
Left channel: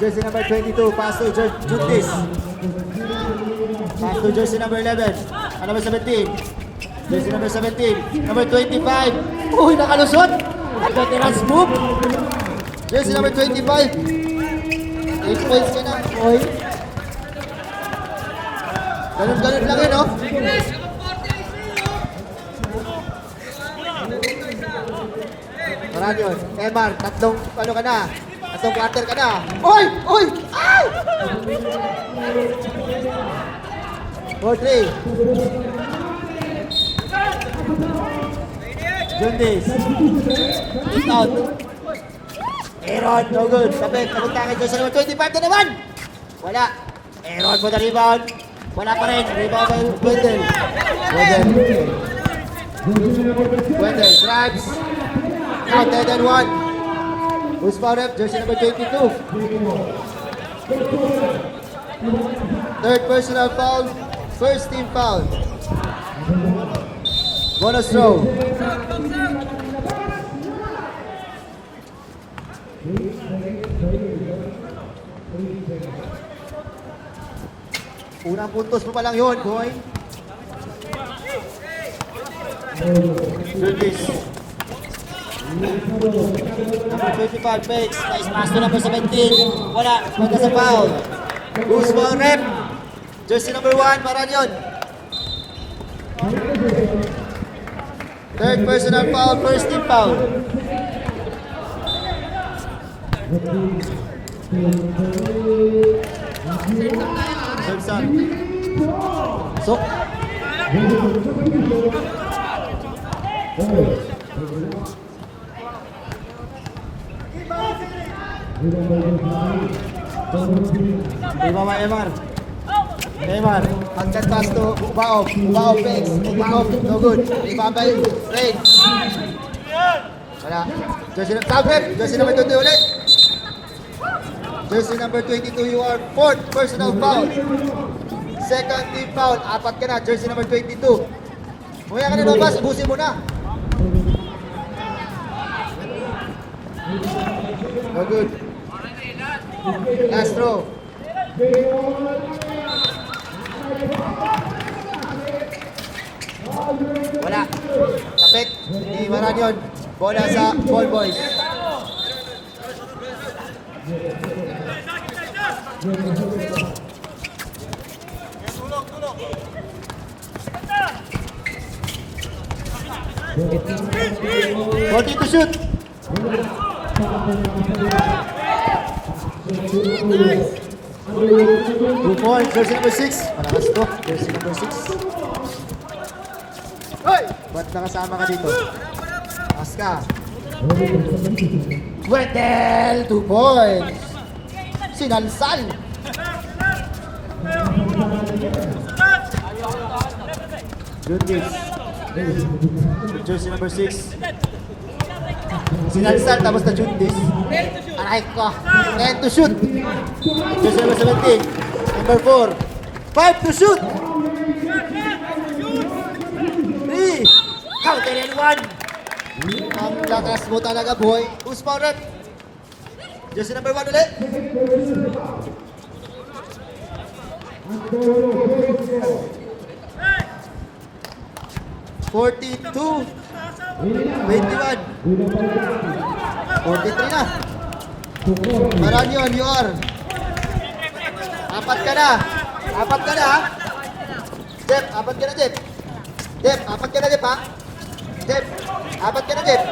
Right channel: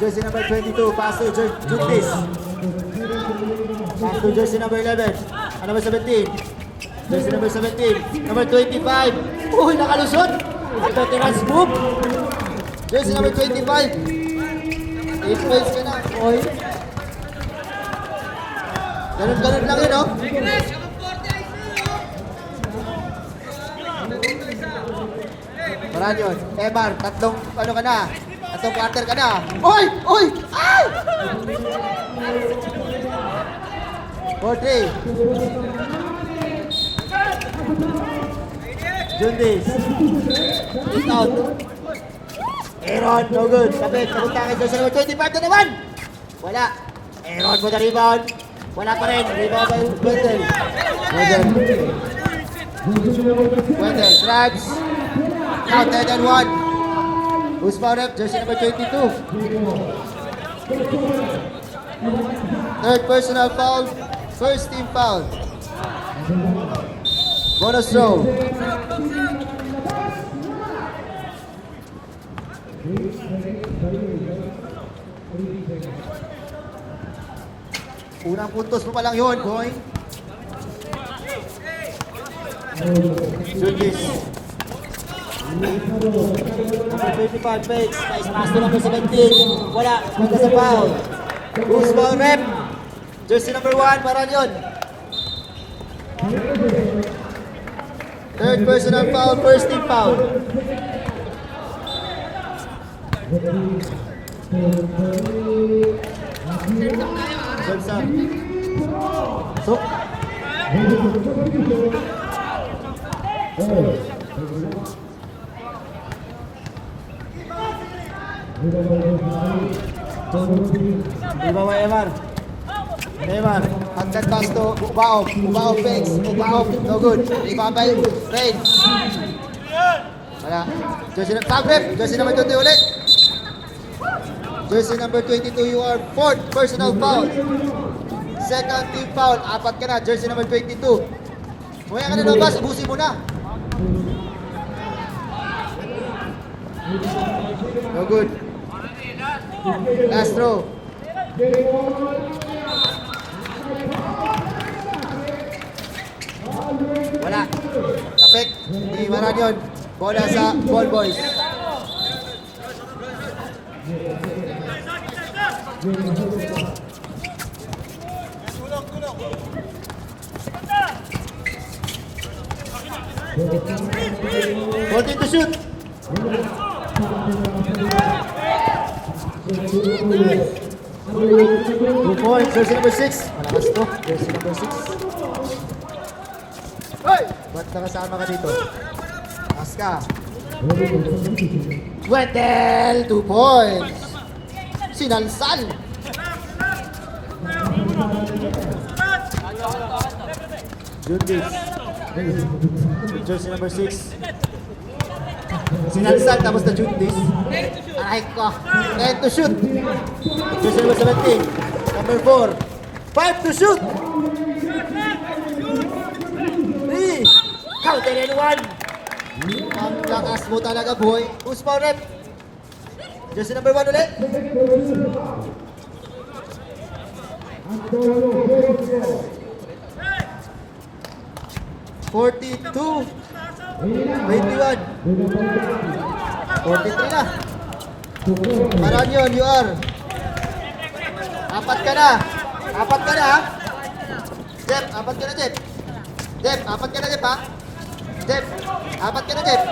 Jersey number 22, pass to Juntis. Pass to jersey number 11. Number 17. Jersey number 17. Number 25. Uy, nakalusot. Veterans move. Jersey number 25. 8 points ka na. Uy. Ganun lang yun, oh. Marami yun. Eman, tatlong ano ka na. Tatlong quarter ka na. Uy! Uy! Ay! 4-3. Jundis. Hit out. Aaron, no good. Kapit, napunta ka doon sa number 25 na naman. Wala. Aaron for the rebound. Wala pa rin. Rebound by Blundell. Blundell grabs. Counted and one. Who's fouled up? Jersey number 22. Third personal foul. First team foul. Bonus throw. Unang puntos mo pa lang yun, boy. Juntis. Number 25 fakes. Nice pass to number 17. Wala. Wala sa foul. Loose foul rep. Jersey number 1. Parang yun. Third personal foul. First team foul. Sok. Ibaba Emar. Emar, hanggang taas to, Ubao, Fix, Ubao, no good. Ibaba tayo, Rain. Wala. Jersey number 20 ulit. Jersey number 22, you are fourth personal foul. Second team foul, 4 ka na, jersey number 22. Kumaya ka na labas, abusin mo na. No good. Last throw. Wala. Perfect. Di maran yun. Bola sa ball boys. Forty to shoot. 2 points, jersey number 6. Malakas to, jersey number 6. Hoy! Ba't nakasama ka dito? Taas ka. Wendell, 2 points. Sinalsal. Juntis. Jersey number 6. Sinalsal tapos na Juntis. Aray ko. And to shoot. Jersey number 17. Number 4. 5 to shoot. 3. Counted and 1. lakas mo talaga, boy. Who's foul rep? Jersey number 1 ulit. $42, 21, 43 na. Aram yun, you are. Apat ka na, ha? Jeff, apat ka na, Jeff. Jeff, apat ka na, Jeff, ha? Jeff, apat ka na, Jeff.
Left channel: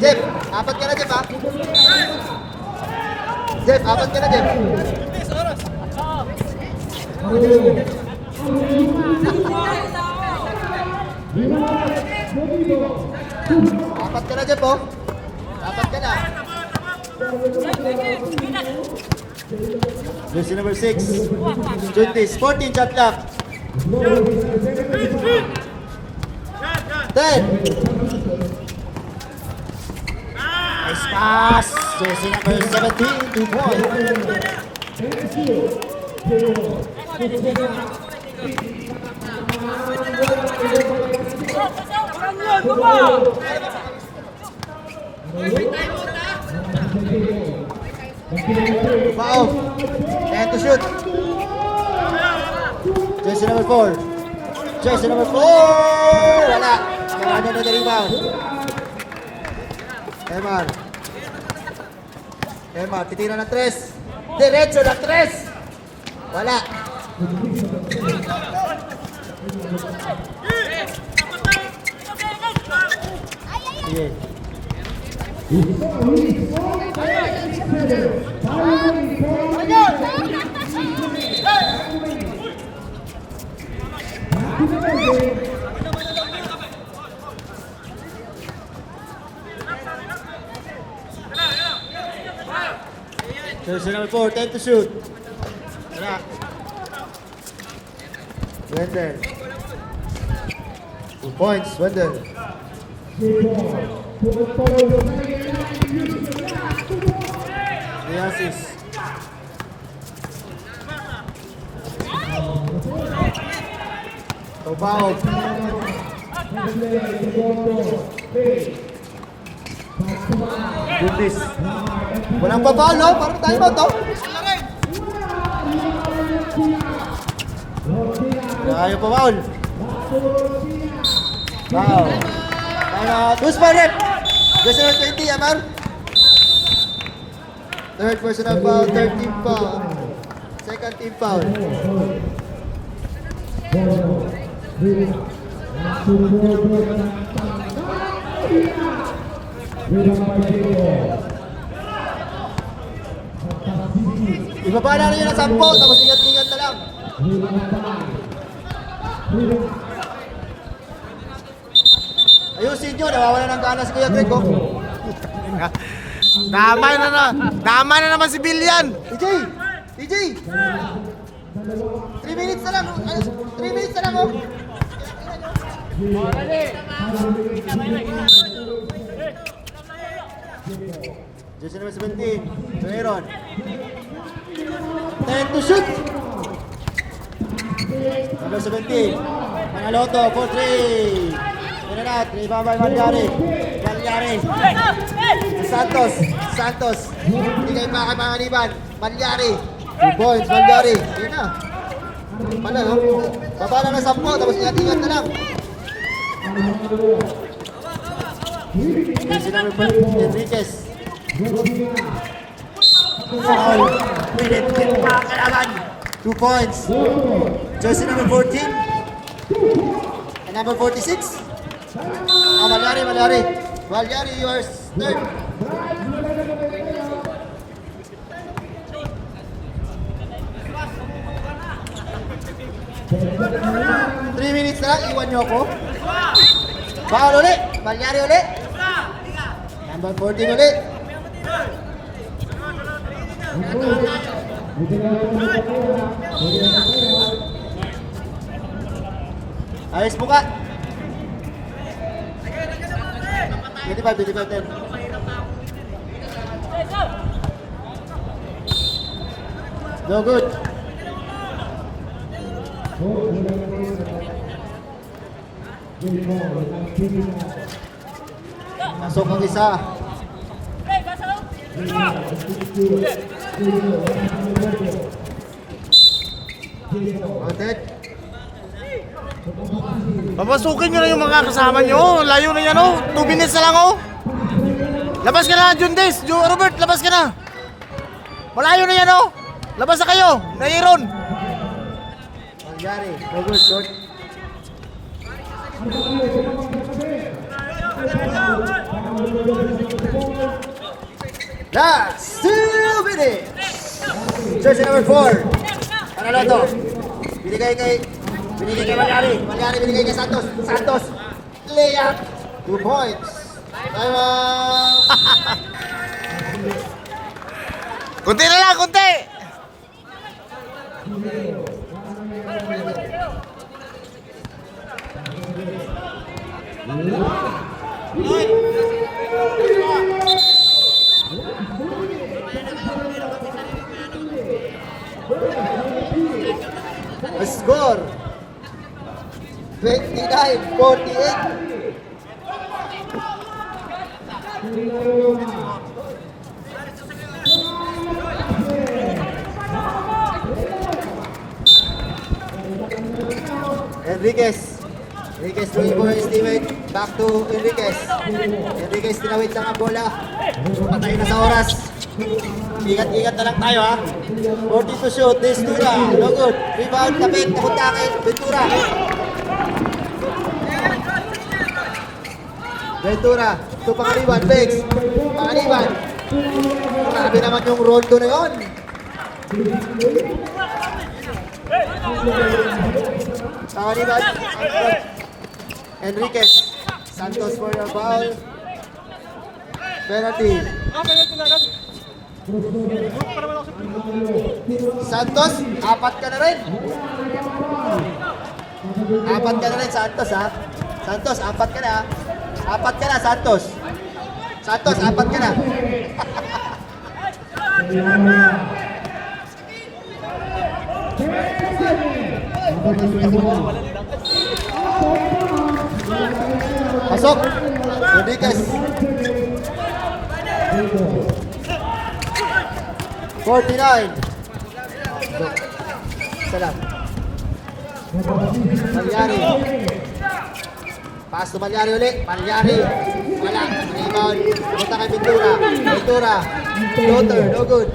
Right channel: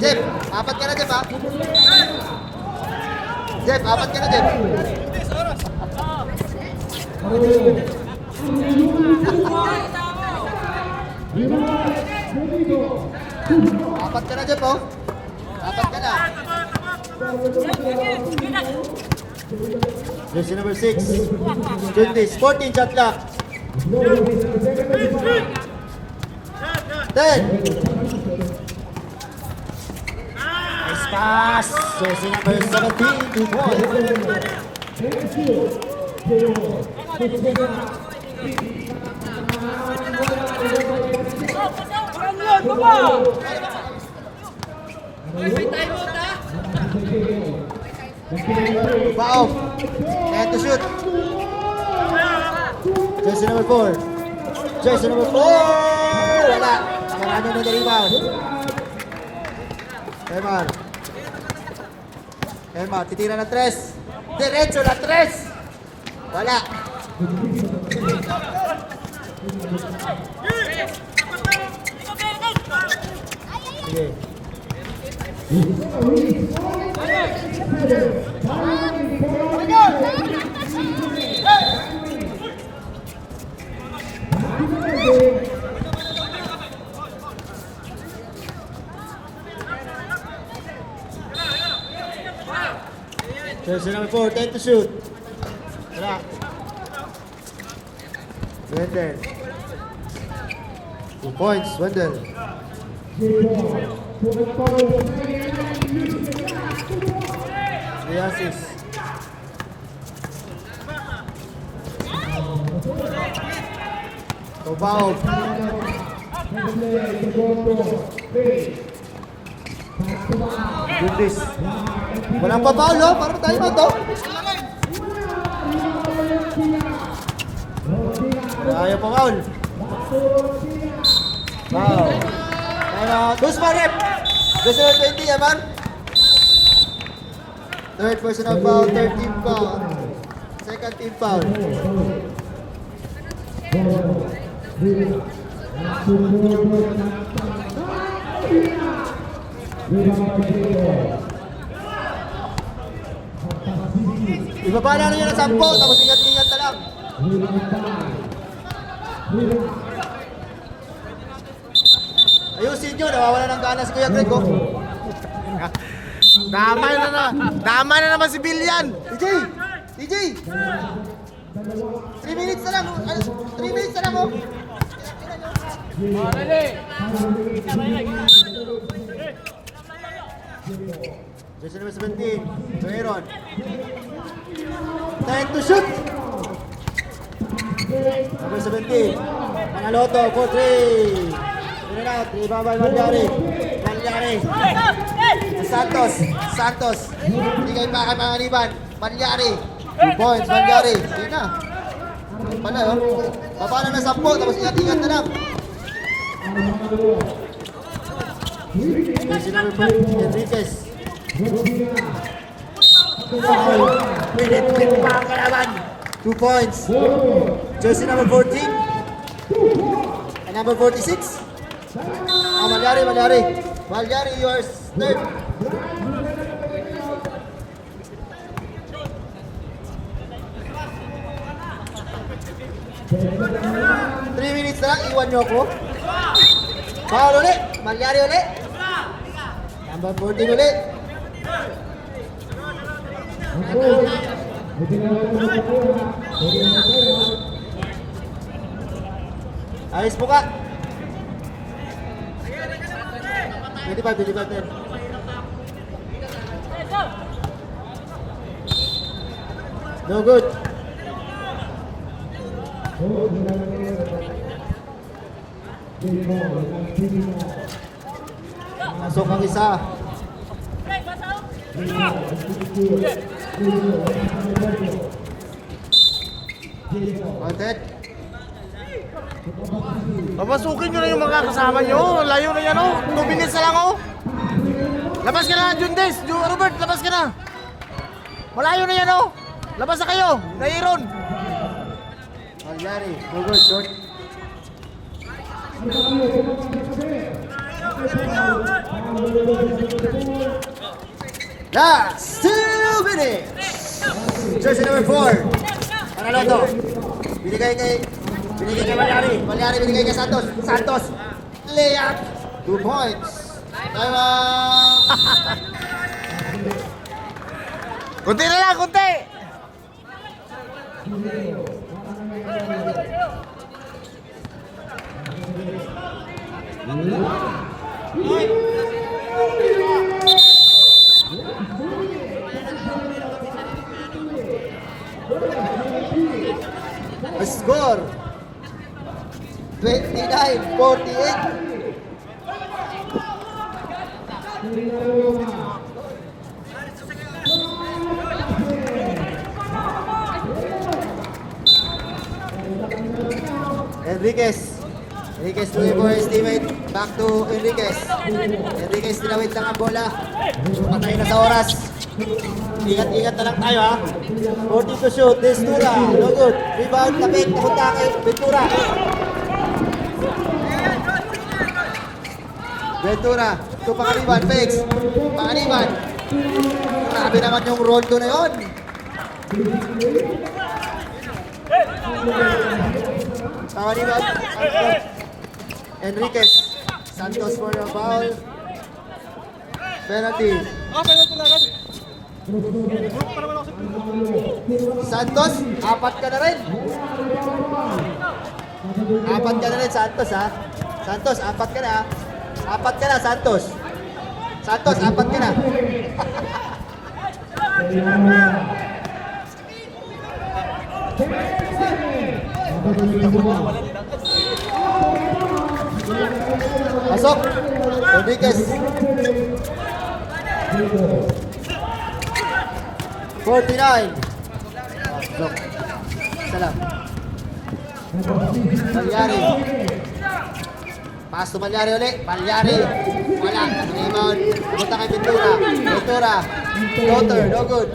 Jeff, apat ka na, Jeff, ha? Jeff, apat ka na, Jeff. Apat ka na, Jeff, oh. Apat ka na. Jersey number 6. Juntis, 14 shot clock. 10. Nice pass. Jersey number 17. 2 points. Foul. And to shoot. Jersey number 4. Jersey number 4. Wala. Marano na rebound. Emar, titira ng 3. Diretso na 3. Wala. Sige. Jersey number 4, 10 to shoot. Wala. Wendell. 2 points, Wendell. 3 assists. Tobao. Juntis. Walang pa-foul, no? Parang tayo ba ito? Ayaw pa-foul. Wow. Who's my rep? Jersey number 20, Yaman. Third personal foul, third team foul. Second team foul. Ibaba na rin yun ang 10, tapos ingat-ingat na lang. Ayusin nyo, nawawala ng gana si Kuya Greg, oh. Tama na naman si Billian. TJ! 3 minutes na lang, 3 minutes na lang, oh. Jersey number 17, Aaron. 10 to shoot. Number 17, Mangaloto, 4-3. Ito na, 3 by Malyari. Santos. Hindi kayo pa kay Manganiban. Malyari. 2 points, Malyari. Hindi na. Ano yun? Baba na ng 10, tapos ingat-ingat na lang. Jersey number 5, Enriquez. Minute, mga kalaban. 2 points. Jersey number 14. And number 46. Malyari, yours. Third. Three minutes na lang, iwan nyo ako. Foul ulit, Malyari ulit. Number 14 ulit. Ayos po ka. 25-10. No good. Pasok ang isa. Outed. Papasukin nyo na yung mga kasama nyo. Ang layo na yan, oh. 2 minutes na lang, oh. Labas ka na, Jundes. Robert, labas ka na. Malayo na yan, oh. Labas na kayo. Nairon. Palyari. Very good, short. That's 2 minutes. Jersey number 4. Panalo to. Binigay kay Palyari. Palyari binigay kay Santos. Santos. Layup. 2 points. Kunti na lang, kunti. A score 29-48. Enriquez looking for his teammate. Back to Enriquez. Enriquez tinawid lang ang bola. Patay na sa oras. Ingat-ingat na lang tayo ha. 40 to shoot. Ventura. No good. Rebound. Tapik. Napunta kay Ventura. Ventura. Ito pangaliwan. Fakes. Pangaliwan. Sabi naman yung rondo na yun. Pangaliwan. Enriquez. Santos for the foul. Penalty. Santos, apat ka na rin. Apat ka na rin, Santos ha. Santos, apat ka na. Apat ka na, Santos. Santos, apat ka na. Pasok. Enriquez. 49. Salam. Palyari. Pass to Palyari ulit. Palyari. Wala. Rebound. Kita kay Ventura. Ventura. Floater. No good.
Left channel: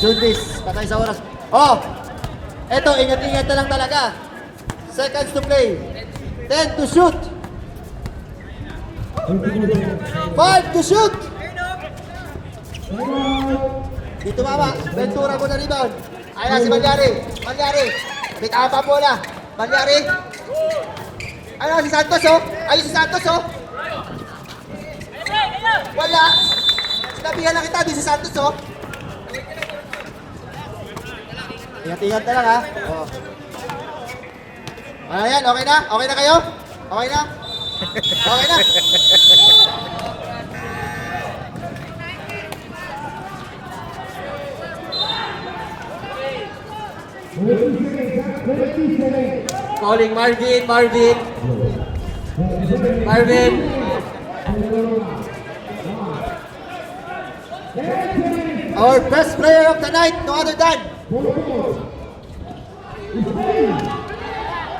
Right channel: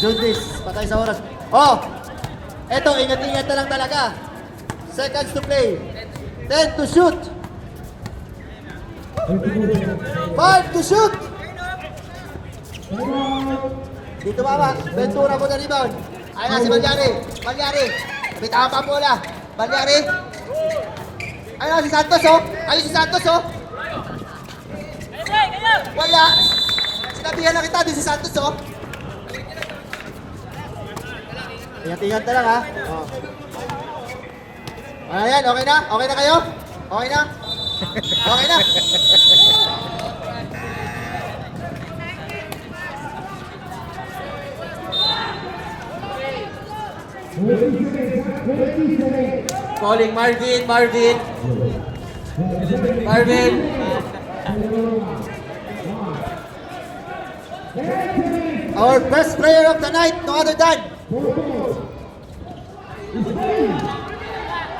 Jundis. Patay sa oras. Oh! Eto, ingat-ingat na lang talaga. Seconds to play. 10 to shoot. 5 to shoot. Dito mama. Ventura mo na rebound. Ayaw si Palyari. Palyari. Bitaw pa bola. Palyari. Ayaw si Santos oh. Ayaw si Santos oh. Wala. Sinabihan na kita. Di si Santos oh. Ingat-ingat na lang ha. Oh. Ayan, okay na? Okay na kayo? Okay na? Okay na? Calling Marvin. Our best player of the night, no other than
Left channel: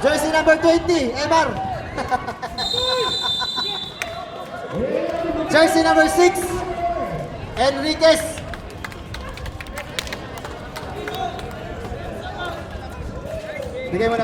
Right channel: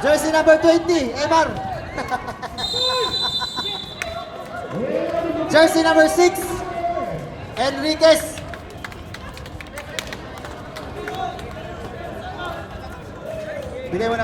jersey number 20, Emar. Jersey number 6, Enriquez. Bigay mo na